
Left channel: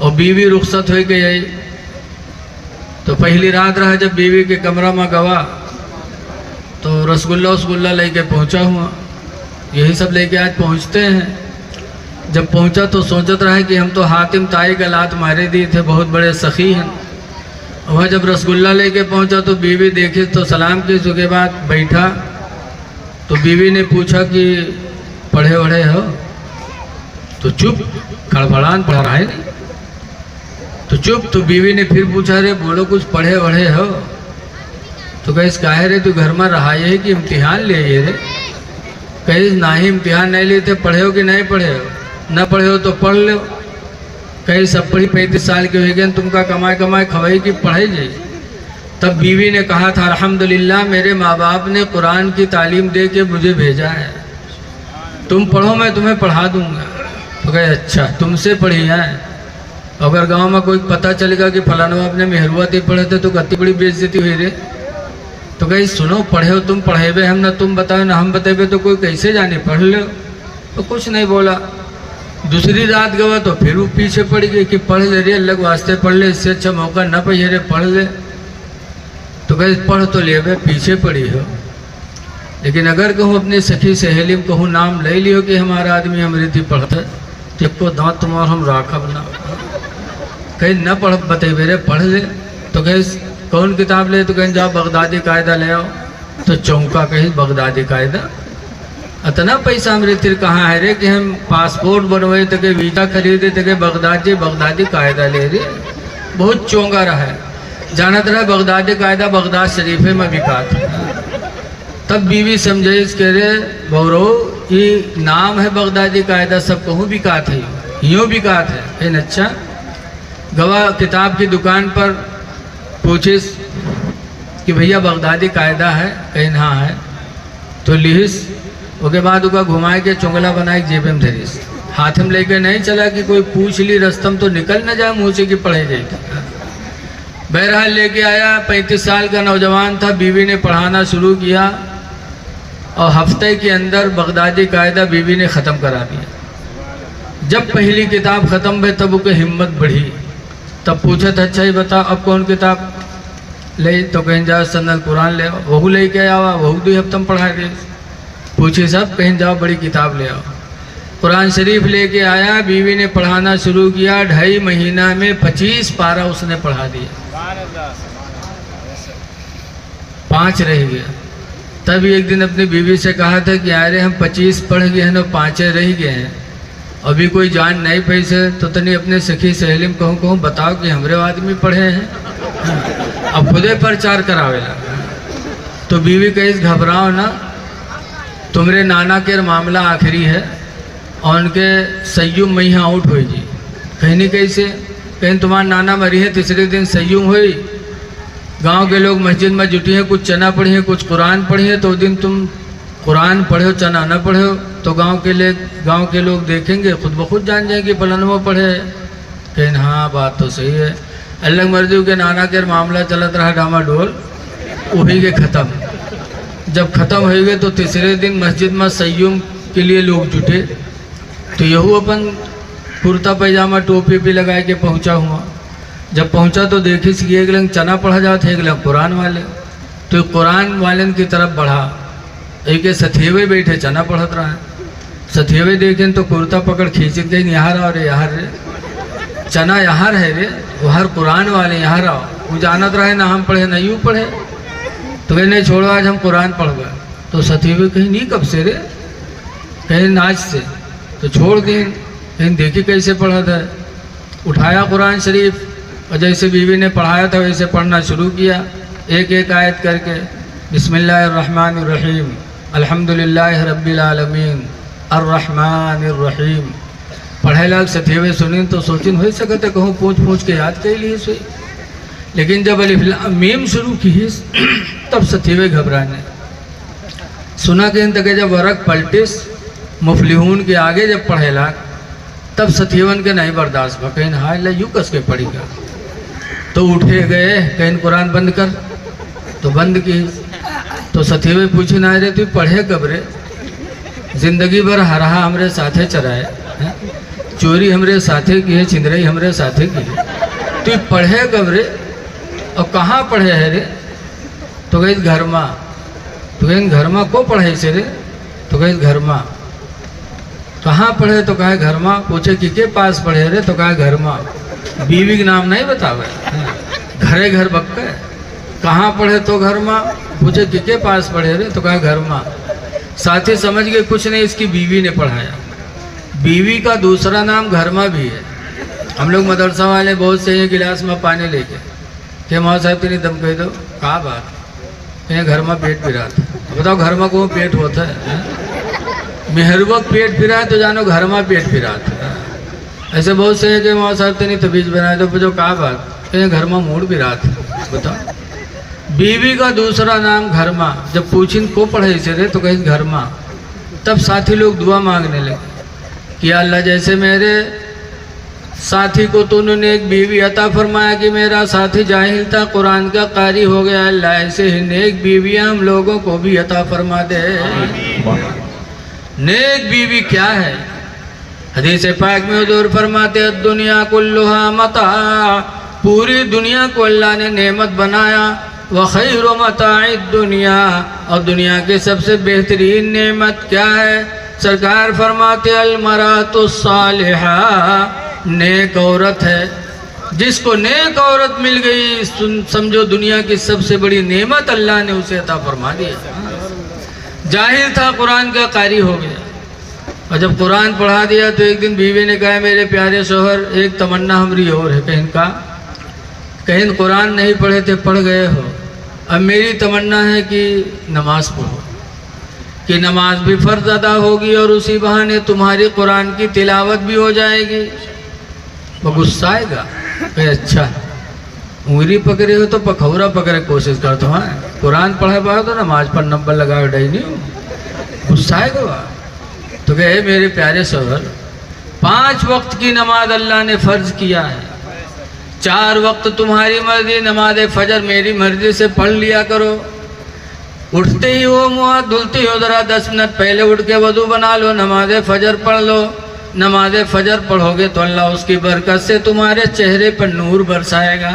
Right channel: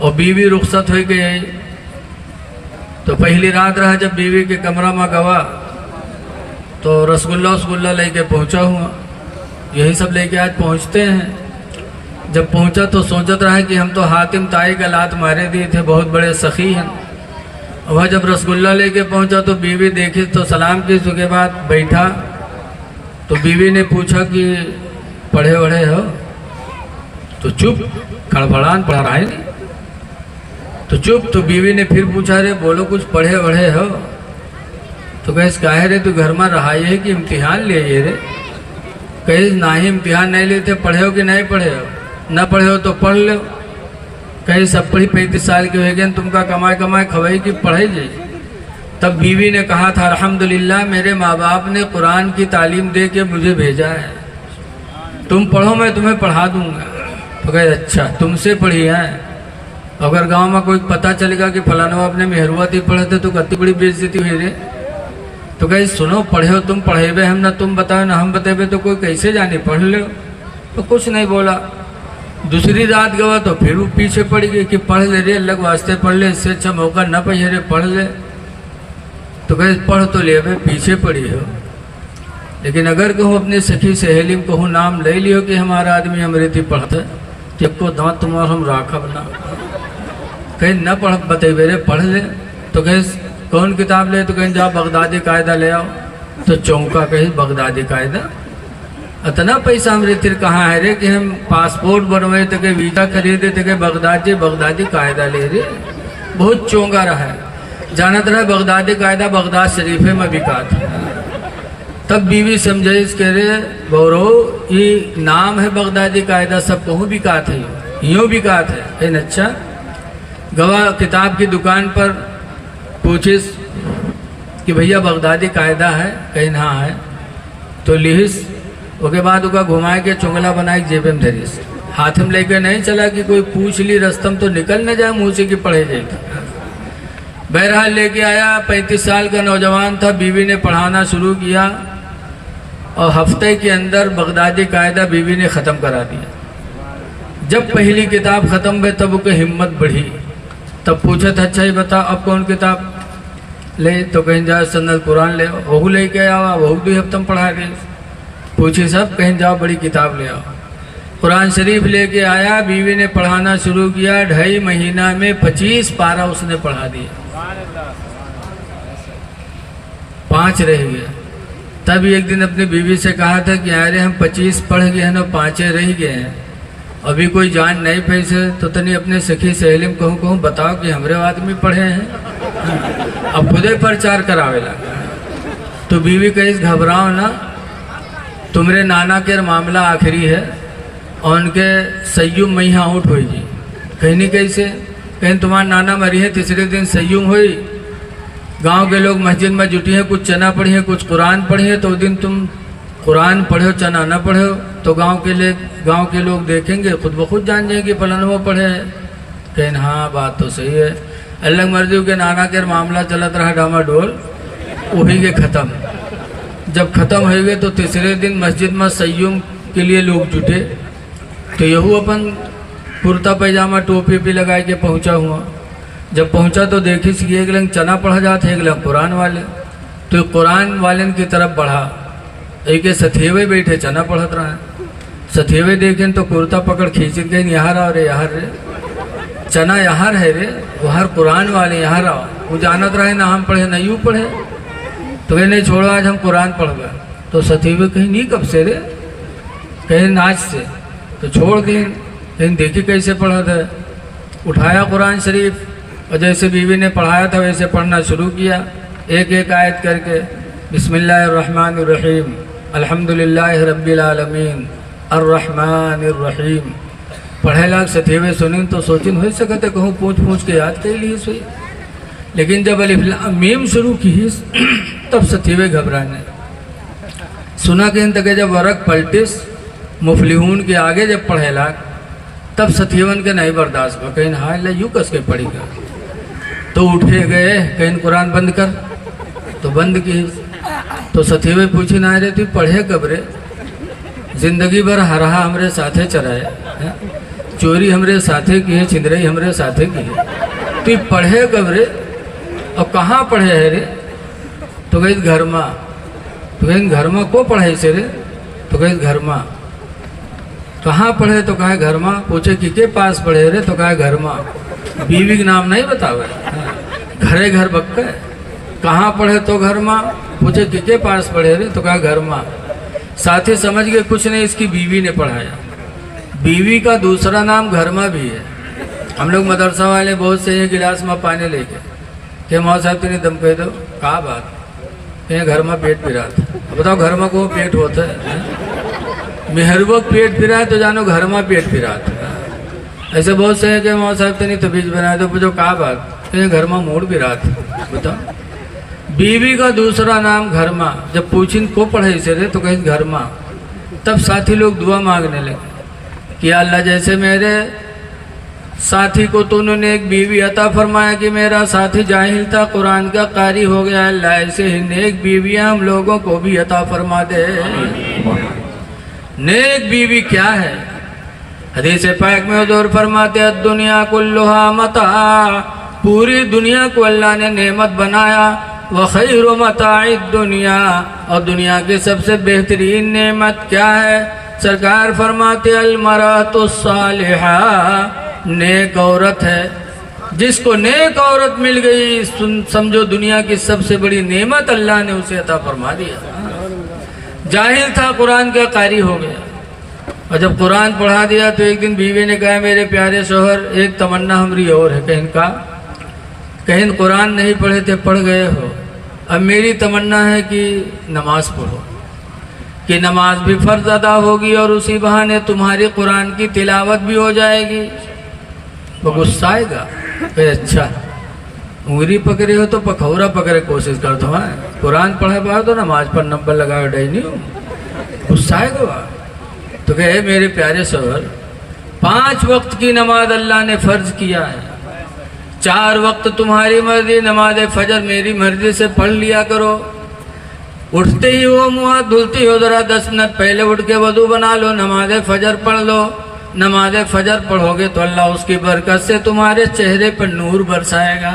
और बीवी रुखसत हो गई, तो पहली रात रहा जब बीवी के कमरा में गवा तो रसगुल्ला लेके पहुंचा हुआ। यही सब लेके आज पहुंचते हैं। जब पहुंचा तो सोचत रहा कि हम तो हातिम ताई का लात मारे दिए थे, बहुत बड़े सखी हैं। वह जब रसगुल्ला लेके पहुंचा तो बीवी देखी तो सलाम की, उसके बाद बैठा तो बीवी ने पूछा कि पढ़े वढ़े हो? तो चुप, खड़बड़ान पढ़ा रहा है नहीं तो चुप। तो बीवी ने फिर पूछा, रे बोलो कुछ पढ़े वढ़े हो? तो कहे काहे रे तू घर में रहा है कि इम्तिहान ले रे? कहे ना ही इम्तिहान नहीं लेते, पढ़े हो कि नहीं पढ़े हो? न पढ़े हो तो पढ़ लो। कहीं सब पढ़ी 35 साल के हो गए, तुमका कमाए कमाए खवाई की पढ़ाई जाइए। तब बीवी ने कहा था, अल्हम्दुलिल्लाह मेरे माँ बाप ने कुरान की तालीम दे के मुझे भेजा है, तुम पढ़ो मैं तुम्हें पढ़ा दूंगा। तो कहे अच्छा तुमसे पढ़ी है, अगर गांव में कोई पता चलेगा कि फलाना आपने मेहरुआ थी पढ़े थे तो कत्ती बड़ी बेइज्जती हुई रे। तो कहे सुनो पढ़े हो तुम, पढ़ेबे हम, ना तुम बताओ ना हम बतेबे तो कोई कैसे जाने, पढ़ लो। तो कुछ नहीं बोला। दूसरी रात गवा तो फिर वो पीछे पड़ गई कि पढ़ ले रे, अलग वास्ते पढ़ ले, इससे अच्छा मौका ना पाइए रे, पढ़ ले। तो कहे पढ़ तो ले बे, पीछे पड़ी हो, लेकिन अगर कहूँ अपने सखी सहेली में कहूँ नाम ले लियो कि हमारा आदमी अमृति पढ़ता है, तो को दांत तुम्हार हम राखब ना। कहीं न पढ़ बतेबे रे, पढ़ ले। तो कहे कौन किताब ले, तो कहीं जाओ बगदादी कायदा ले आओ। तो चौंका कहे बगदादी कायदा, इतना पैसा अमृति कहाँ है रे कि हम पासपोर्ट बनवाए तो के वीजा खरीदे तो के बगदादी कायदा ले रे। बहुत चौंका रहा है, जानत रहे बगदादी कायदा बगदाद शरीफे में बिका था। तब बीवी समझे कह रे गौरव ये नाम है बगदादी कायदा, सब कहूँ बिका थे, यूँ बिका थे। इन अच्छा गवाह किताब की दुकान पर पूछिस कि भैया बगदादी कायदा है, कहीं हाँ है। तो लिहिस, उसके बाद उसका घुमाए के चुंगला बनाए जेब में धरिस, हाथ में लेके नहीं चला कि कोई पूछ ली रस्तम तो निकल न जाए मुँह से कि पढ़े जाए। बहरहाल लेके आया, 35 साल का नौजवान था, बीवी ने पढ़ाना शुरू किया और हफ्ते के अंदर बगदादी कायदा बीवी ने ख़त्म करा दिया। जब पहली किताब ख़त्म हुई तब उसकी हिम्मत बढ़ी। तब पूछा था अच्छा ही बताओ अब कौन किताब ले, तो कहीं जाओ सन्नल कुरान ले आओ, वहू लेके आवा, वहू 2 हफ्ते में पढ़ा गए। पूछी सब, कहीं जाओ बड़ी किताब ले आओ। कुरान शरीफ लेके आया, बीवी ने पढ़ाना शुरू किया। 2.5 महीना में 25 पारा उसने पढ़ा दिया, 5 रह गया। तब एक दिन अपनी बीवी से कहा था कि अरे हम 25 पढ़ गए हैं, 5 रह गए हैं, अभी कोई जान नहीं पैसे, तो तनी अपने सखी सहेली में कहूँ बताओ कि हमरे आदमी पढ़े हैं। अब खुदे प्रचार करावेला। तो बीवी कहे घबराओ ना, तुम्हारे नाना के मामला आखिरी है और उनके सय्युम महीना आउट हो जी। कहनी कैसे, कहीं तुम्हारा नाना मरी है, तीसरे दिन सय्युम हुई, गांव के लोग मस्जिद में जुटी हैं, कुछ चना पढ़ी है, कुछ कुरान पढ़ी है, तो दिन तुम कुरान पढ़ो चना न पढ़ो तो गांव के लोग देखेंगे, खुद ब खुद जान जाएंगे फलानवा पढ़े। कहन हाँ बात तो सही है। अल्लाह मर्जी के नाना के मामला चलत रहा डामाडोल, वही के ख़त्म। जब ख़त्म हो गए तो तीसरे दिन मस्जिद में सय्युम के लिए लोग जुटे। तो यहू अपन कुर्ता पैजामा टोपी भी लगा के पहुँचा हुआ। जब पहुँचा तो देखी सी एक लंग चना पढ़ा जाता है, एक लंग कुरान वाले। तो कुरान वाले की तरफ बढ़ा, एक सथेवे बैठे चना पढ़त रहा है। सथेवे देखें तो कुर्ता पकड़ खींच के यहाँ रहो रे, यहाँ रे चना यहाँ रहे रे, वहाँ कुरान वाले यहाँ रहो। वो जानत रहे ना हम पढ़े ना यूँ पढ़े। तो नहीं छोड़ो आज हम कुरान पढ़ गए। तो सथेवे कहीं नहीं कब से रे, कहीं नाच से। तो छोड़ दें, कहीं देखी कैसे पढ़ा था। उठाया कुरान शरीफ और जैसे बीवी ने पढ़ाया था वैसे पढ़ना शुरू किया, एक एक आयत करके। बिस्मिल्लाहिर्रहमानिर्रहीम अल्हम्दुलिल्लाहि रब्बिल आलमीन अर्रहमानिर्रहीम। पढ़े लाग सथेवे सुनिन तो सोचिन हो सकते कहूँ पूछ के याद कर ली सोई। लेकिन जब अलिफ लाम मीम शुरू की तब सथेवे घबराने सुना के तक जब वरक पलटिस मुफलिहून के आगे जब पढ़े लाग तब सथेवन के नहीं बर्दाश्त हुआ। कहीं हाँ ले यूँ कस के पढ़ी कर। तो उठे गए, कहीं कुरान बंद कर, तो बंद की। तो सथेवे पूछी ना रे तू पढ़े कब रे, जिंदगी भर हरहा हमरे साथे चराए, चोरी हमरे साथे की है, छिंदरई हमरे साथे की है, तू पढ़े कब रे और कहाँ पढ़े है रे। तो कहे घर माँ। तो कहे घर माँ को पढ़े से रे। तो कहे घर माँ। कहाँ पढ़े तो कहा घर माँ। पूछे कि के पास पढ़े रे, तो कहा घर माँ। बीवी के नाम नहीं बतावे, घरे घर बक्का। कहाँ पढ़े तो घर माँ। पूछे कि के पास पढ़े रे, तो कहा घर माँ। साथी समझ गए कुछ नहीं, इसकी बीवी ने पढ़ाया। बीवी का दूसरा नाम घर माँ भी है। हम लोग मदरसा वाले बहुत से एक गिलास में पानी लेके के माँ साहब तेरी दम कह दो, कहा बात कहीं घर में पेट पिरा था। बताओ घर में कौन पेट होता है। मेहरबक पेट फिरा है तो जानो घर में पेट फिरा था। ऐसे बहुत से हैं कि माँ साहब तेने तो बीज बनाए तो पूछो कहा बात कहीं घर में मूड भी रहा था। बताओ बीवी का दूसरा नाम घर माँ। जब पूछिन को पढ़े से रे, तो कहीं घर माँ। तब साथी लोग दुआ मांगने लगे कि अल्लाह जैसे मेरे साथी को तो उन्होंने एक बीवी अता फरमाया कि मेरा साथी जाहिल था, कुरान का कारी हो गया। अल्लाह ऐसे ही नेक बीवियां हम लोगों को भी अता फरमा दे। नेक बीवी क्या है? हदीस पाक में हुजूर फरमाते हैं दुनिया कुल्लुहा मता, पूरी दुनिया को अल्लाह ने नेमत बनाया। व खैरु मताइद दुनिया, और दुनिया की सबसे बेहतरीन नेमत क्या है? सरकार फरमाते अल मरातु सालिहा, नेक औरत है। जिसको नेक औरत मिल गई समझो दुनिया की सबसे बड़ी नेमत अल्लाह ने उसे अता फरमा दी। जाहिल था, कुरान का कारी हो गया, और जब कुरान पढ़ा दिया तो एक दिन बीवी ने कहा मेरे प्यारे शोहर, एक तमन्ना हमारी और है। कहीं कुरान नहीं पढ़े थे, पढ़ गए हो, अब मेरी तमन्ना है कि नमाज पढ़ो, कि नमाज भी फ़र्ज अदा होगी और उसी बहाने तुम्हारी कुरान की तिलावत भी हो जाएगी। वो गुस्सा आएगा, अच्छा उंगली पकड़े हो तो पखौरा पकड़े कोशिश करते हो, कुरान पढ़ा पाओ तो नमाज पर नंबर लगाओ, डर नहीं हो, गुस्सा आएगा। तो कहे मेरे प्यारे शोहर, 5 वक्त की नमाज अल्लाह ने फ़र्ज किया है, 4 वक्त तुम्हारी मर्जी, नमाज फजर मेरी मर्जी से पढ़ लिया करो। उठते ही वो मुँह धुलती हो, ज़रा 10 मिनट पहले उठ के वज़ू बना लो, नमाज फजर पढ़ लो। नमाज फजर पढ़ोगे तो अल्लाह उसकी बरकत से तुम्हारे चेहरे पर नूर बरसाएगा।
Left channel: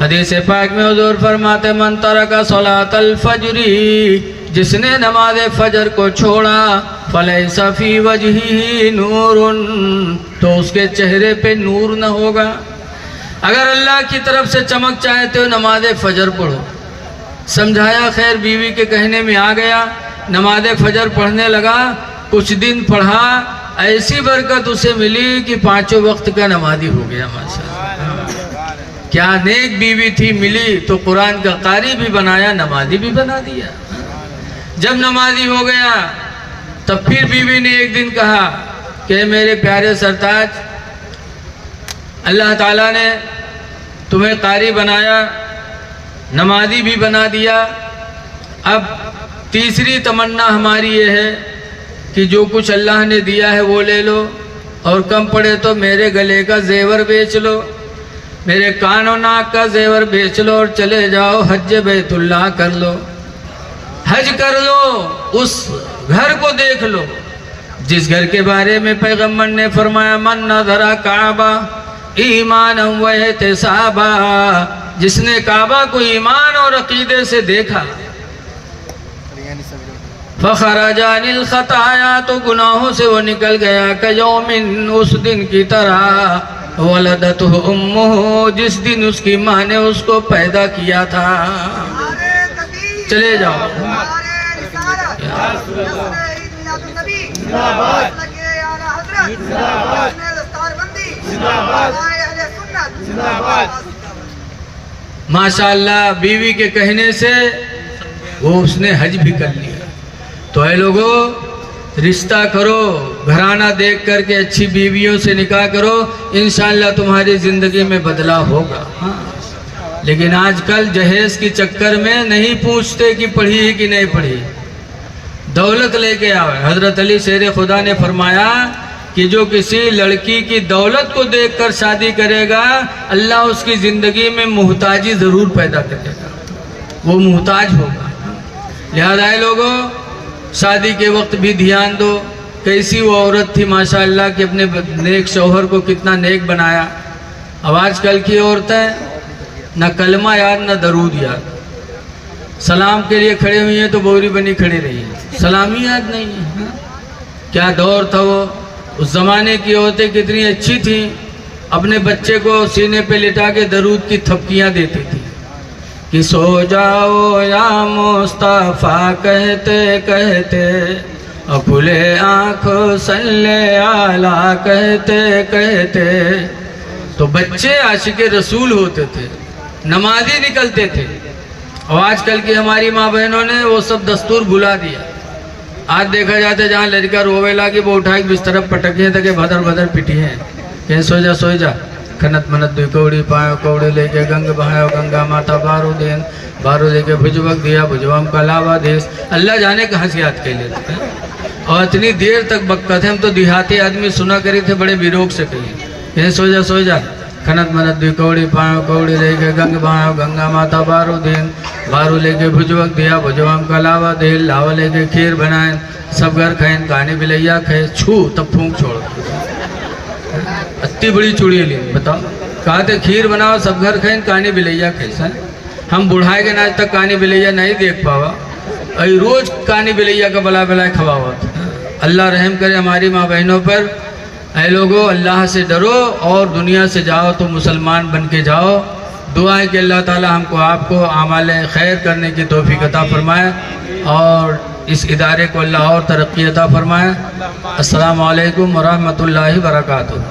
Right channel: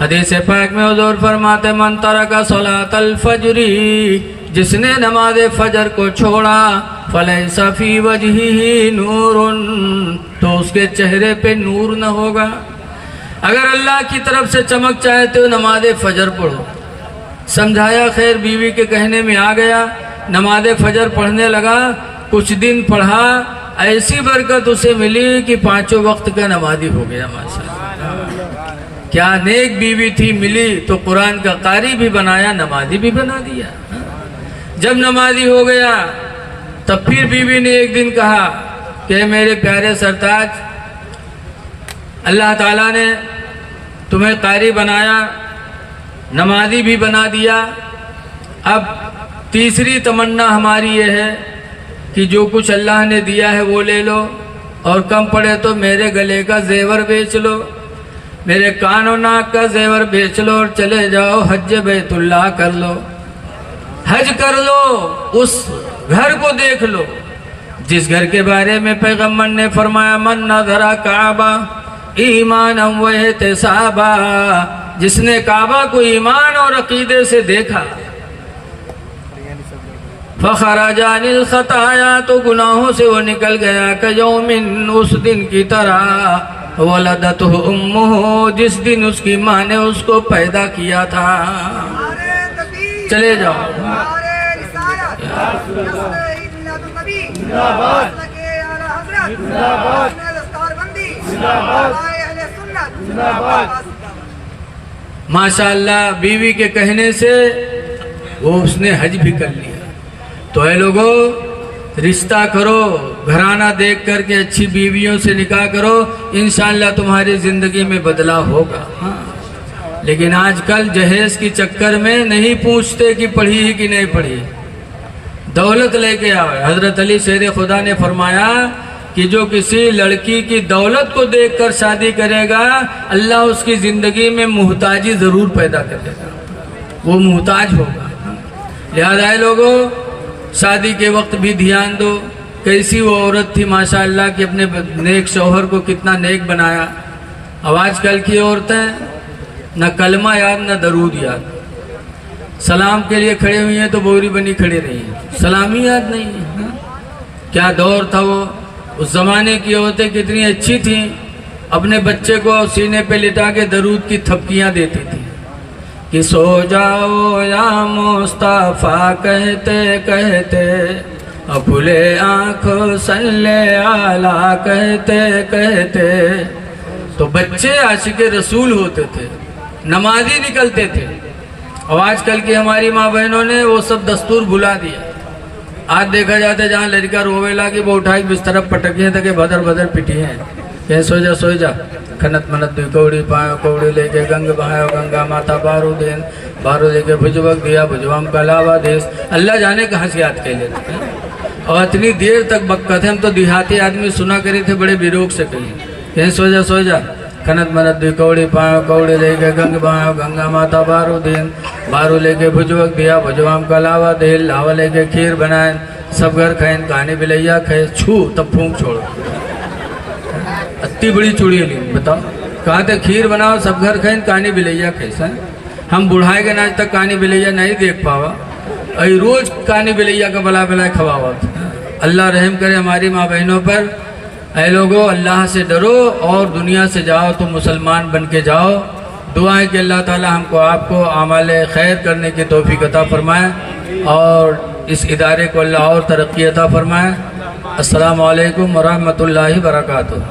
हदीस पाक में हुजूर फरमाते मन तरका सलातल फजरी, जिसने नमाज फजर को छोड़ा फलैसा फी वजहिही नूरुन, तो उसके चेहरे पे नूर न होगा। अगर अल्लाह की तरफ से चमक चाहते हो नमाज फजर पढ़ो। समझाया, खैर बीवी के कहने में आ गया, नमाज फजर पढ़ने लगा। कुछ दिन पढ़ा, ऐसी बरकत उसे मिली कि 5 वक्त का नमाजी हो गया। माशाअल्लाह, क्या नेक बीवी थी मिली, तो कुरान का कारी भी बनाया, नमाजी भी बना दिया। जब नमाजी हो गया तब फिर बीवी ने एक दिन कहा कि मेरे प्यारे सरताज, अल्लाह ताला ने तुम्हें कारी बनाया, नमाजी भी बना दिया। अब तीसरी तमन्ना हमारी ये है कि जो कुछ अल्लाह ने दिया है वो ले लो, और कम पड़े तो मेरे गले का जेवर बेच लो, मेरे कानों नाक का जेवर बेच लो, और चले जाओ हज बैतुल्लाह कर लो, हज कर लो, उस घर को देख लो जिस घर के बारे में पैगम्बर ने फरमाया मन नज़रा काबा ईमान व एहतिसाबा, जिसने काबा को ईमान और अकीदे से देखा, फखराजा अनिल खताया, तो गुनाहों से वो निकल गया, कयौमिन, उस दिन की तरह, वलदतहु उम्मुहु, जिस दिन उसकी माँ ने उसको पैदा किया था। चले जाओ। माशाअल्लाह, बीवी के कहने से वो उसने हज भी कर लिया। तो ऐ लोगों, रिश्ता करो, घराना देख करके अच्छी बीवियों से निकाह करो, इंशाअल्लाह तुम्हारी ज़िंदगी में बदलाव होगा। हाँ, लेकिन आजकल जहेज के चक्कर में नहीं पूछते कि पढ़ी कि नहीं पढ़ी, दौलत लेके आवे। हजरत अली शेर खुदा ने फरमाया कि जो किसी लड़की की दौलत को देखकर शादी करेगा, अल्लाह उसकी ज़िंदगी में मुहताजी ज़रूर पैदा करेगा, वो मुहताज होगा। लिहाजा लोगों, शादी के वक्त भी ध्यान दो। कैसी वो औरत थी माशाअल्लाह कि अपने नेक शौहर को कितना नेक बनाया। अब आजकल की औरतें न कलमा याद न दरूद याद, सलाम के लिए खड़े हुई हैं तो बोरी बनी खड़ी रही, सलामी याद नहीं है। क्या दौर था वो, उस ज़माने की औरतें कितनी अच्छी थीं, अपने बच्चे को सीने पे लिटा के दरूद की थपकियाँ देती थी कि सो जाओ या मुस्तफ़ा कहते कहते, खुले आँखों सल्ले आला कहते कहते। तो बच्चे आशिक रसूल होते थे, नमाजी निकलते थे। और आजकल की हमारी माँ बहनों ने वो सब दस्तूर भुला दिया। आज देखा जाता है जहाँ लड़का रोवेला कि वो उठा के बिस्तर पटके तक भदर भदर पिटी है, कह सो जा खनत मनत दुई कौड़ी पायो कौड़ी लेके गंग बहायो गंगा माता बारू देन बारू लेके भुजबक दिया भुजवाम कलावा देश। अल्लाह जाने कहाँ से याद कर लेते हैं। और इतनी देर तक बकते हम तो देहाती आदमी सुना करे थे, बड़े विरोग से कही कहे सो जा कनत मनत दी कौड़ी पायो कौड़ी लेके गंग पायो गंगा माता बारू दीन बारू लेके भुजवक दिया भुजवाम का लावा दे लावा लेके खीर बनाए सब घर खाइन कहानी बिलैया खे छू तब फूंक छोड़ इतनी बड़ी चूड़ी ली बताओ कहा थे खीर बनाओ सब घर खाइन कहानी बिलैया कैसे हम बुढ़ाए के नाच तक कहानी बिलैया नहीं देख पावा अभी रोज कहानी बिलैया का बला बला खवावा। अल्लाह रहम करे हमारी माँ बहनों पर। ऐ लोगों अल्लाह से डरो और दुनिया से जाओ तो मुसलमान बन के जाओ। दुआ है कि अल्लाह ताला हमको आपको आमाल खैर करने की तौफीक अता फरमाए और इस इदारे को अल्लाह और तरक्की अता फरमाए। अस्सलामु अलैकुम व रहमतुल्लाहि व बरकातुहू।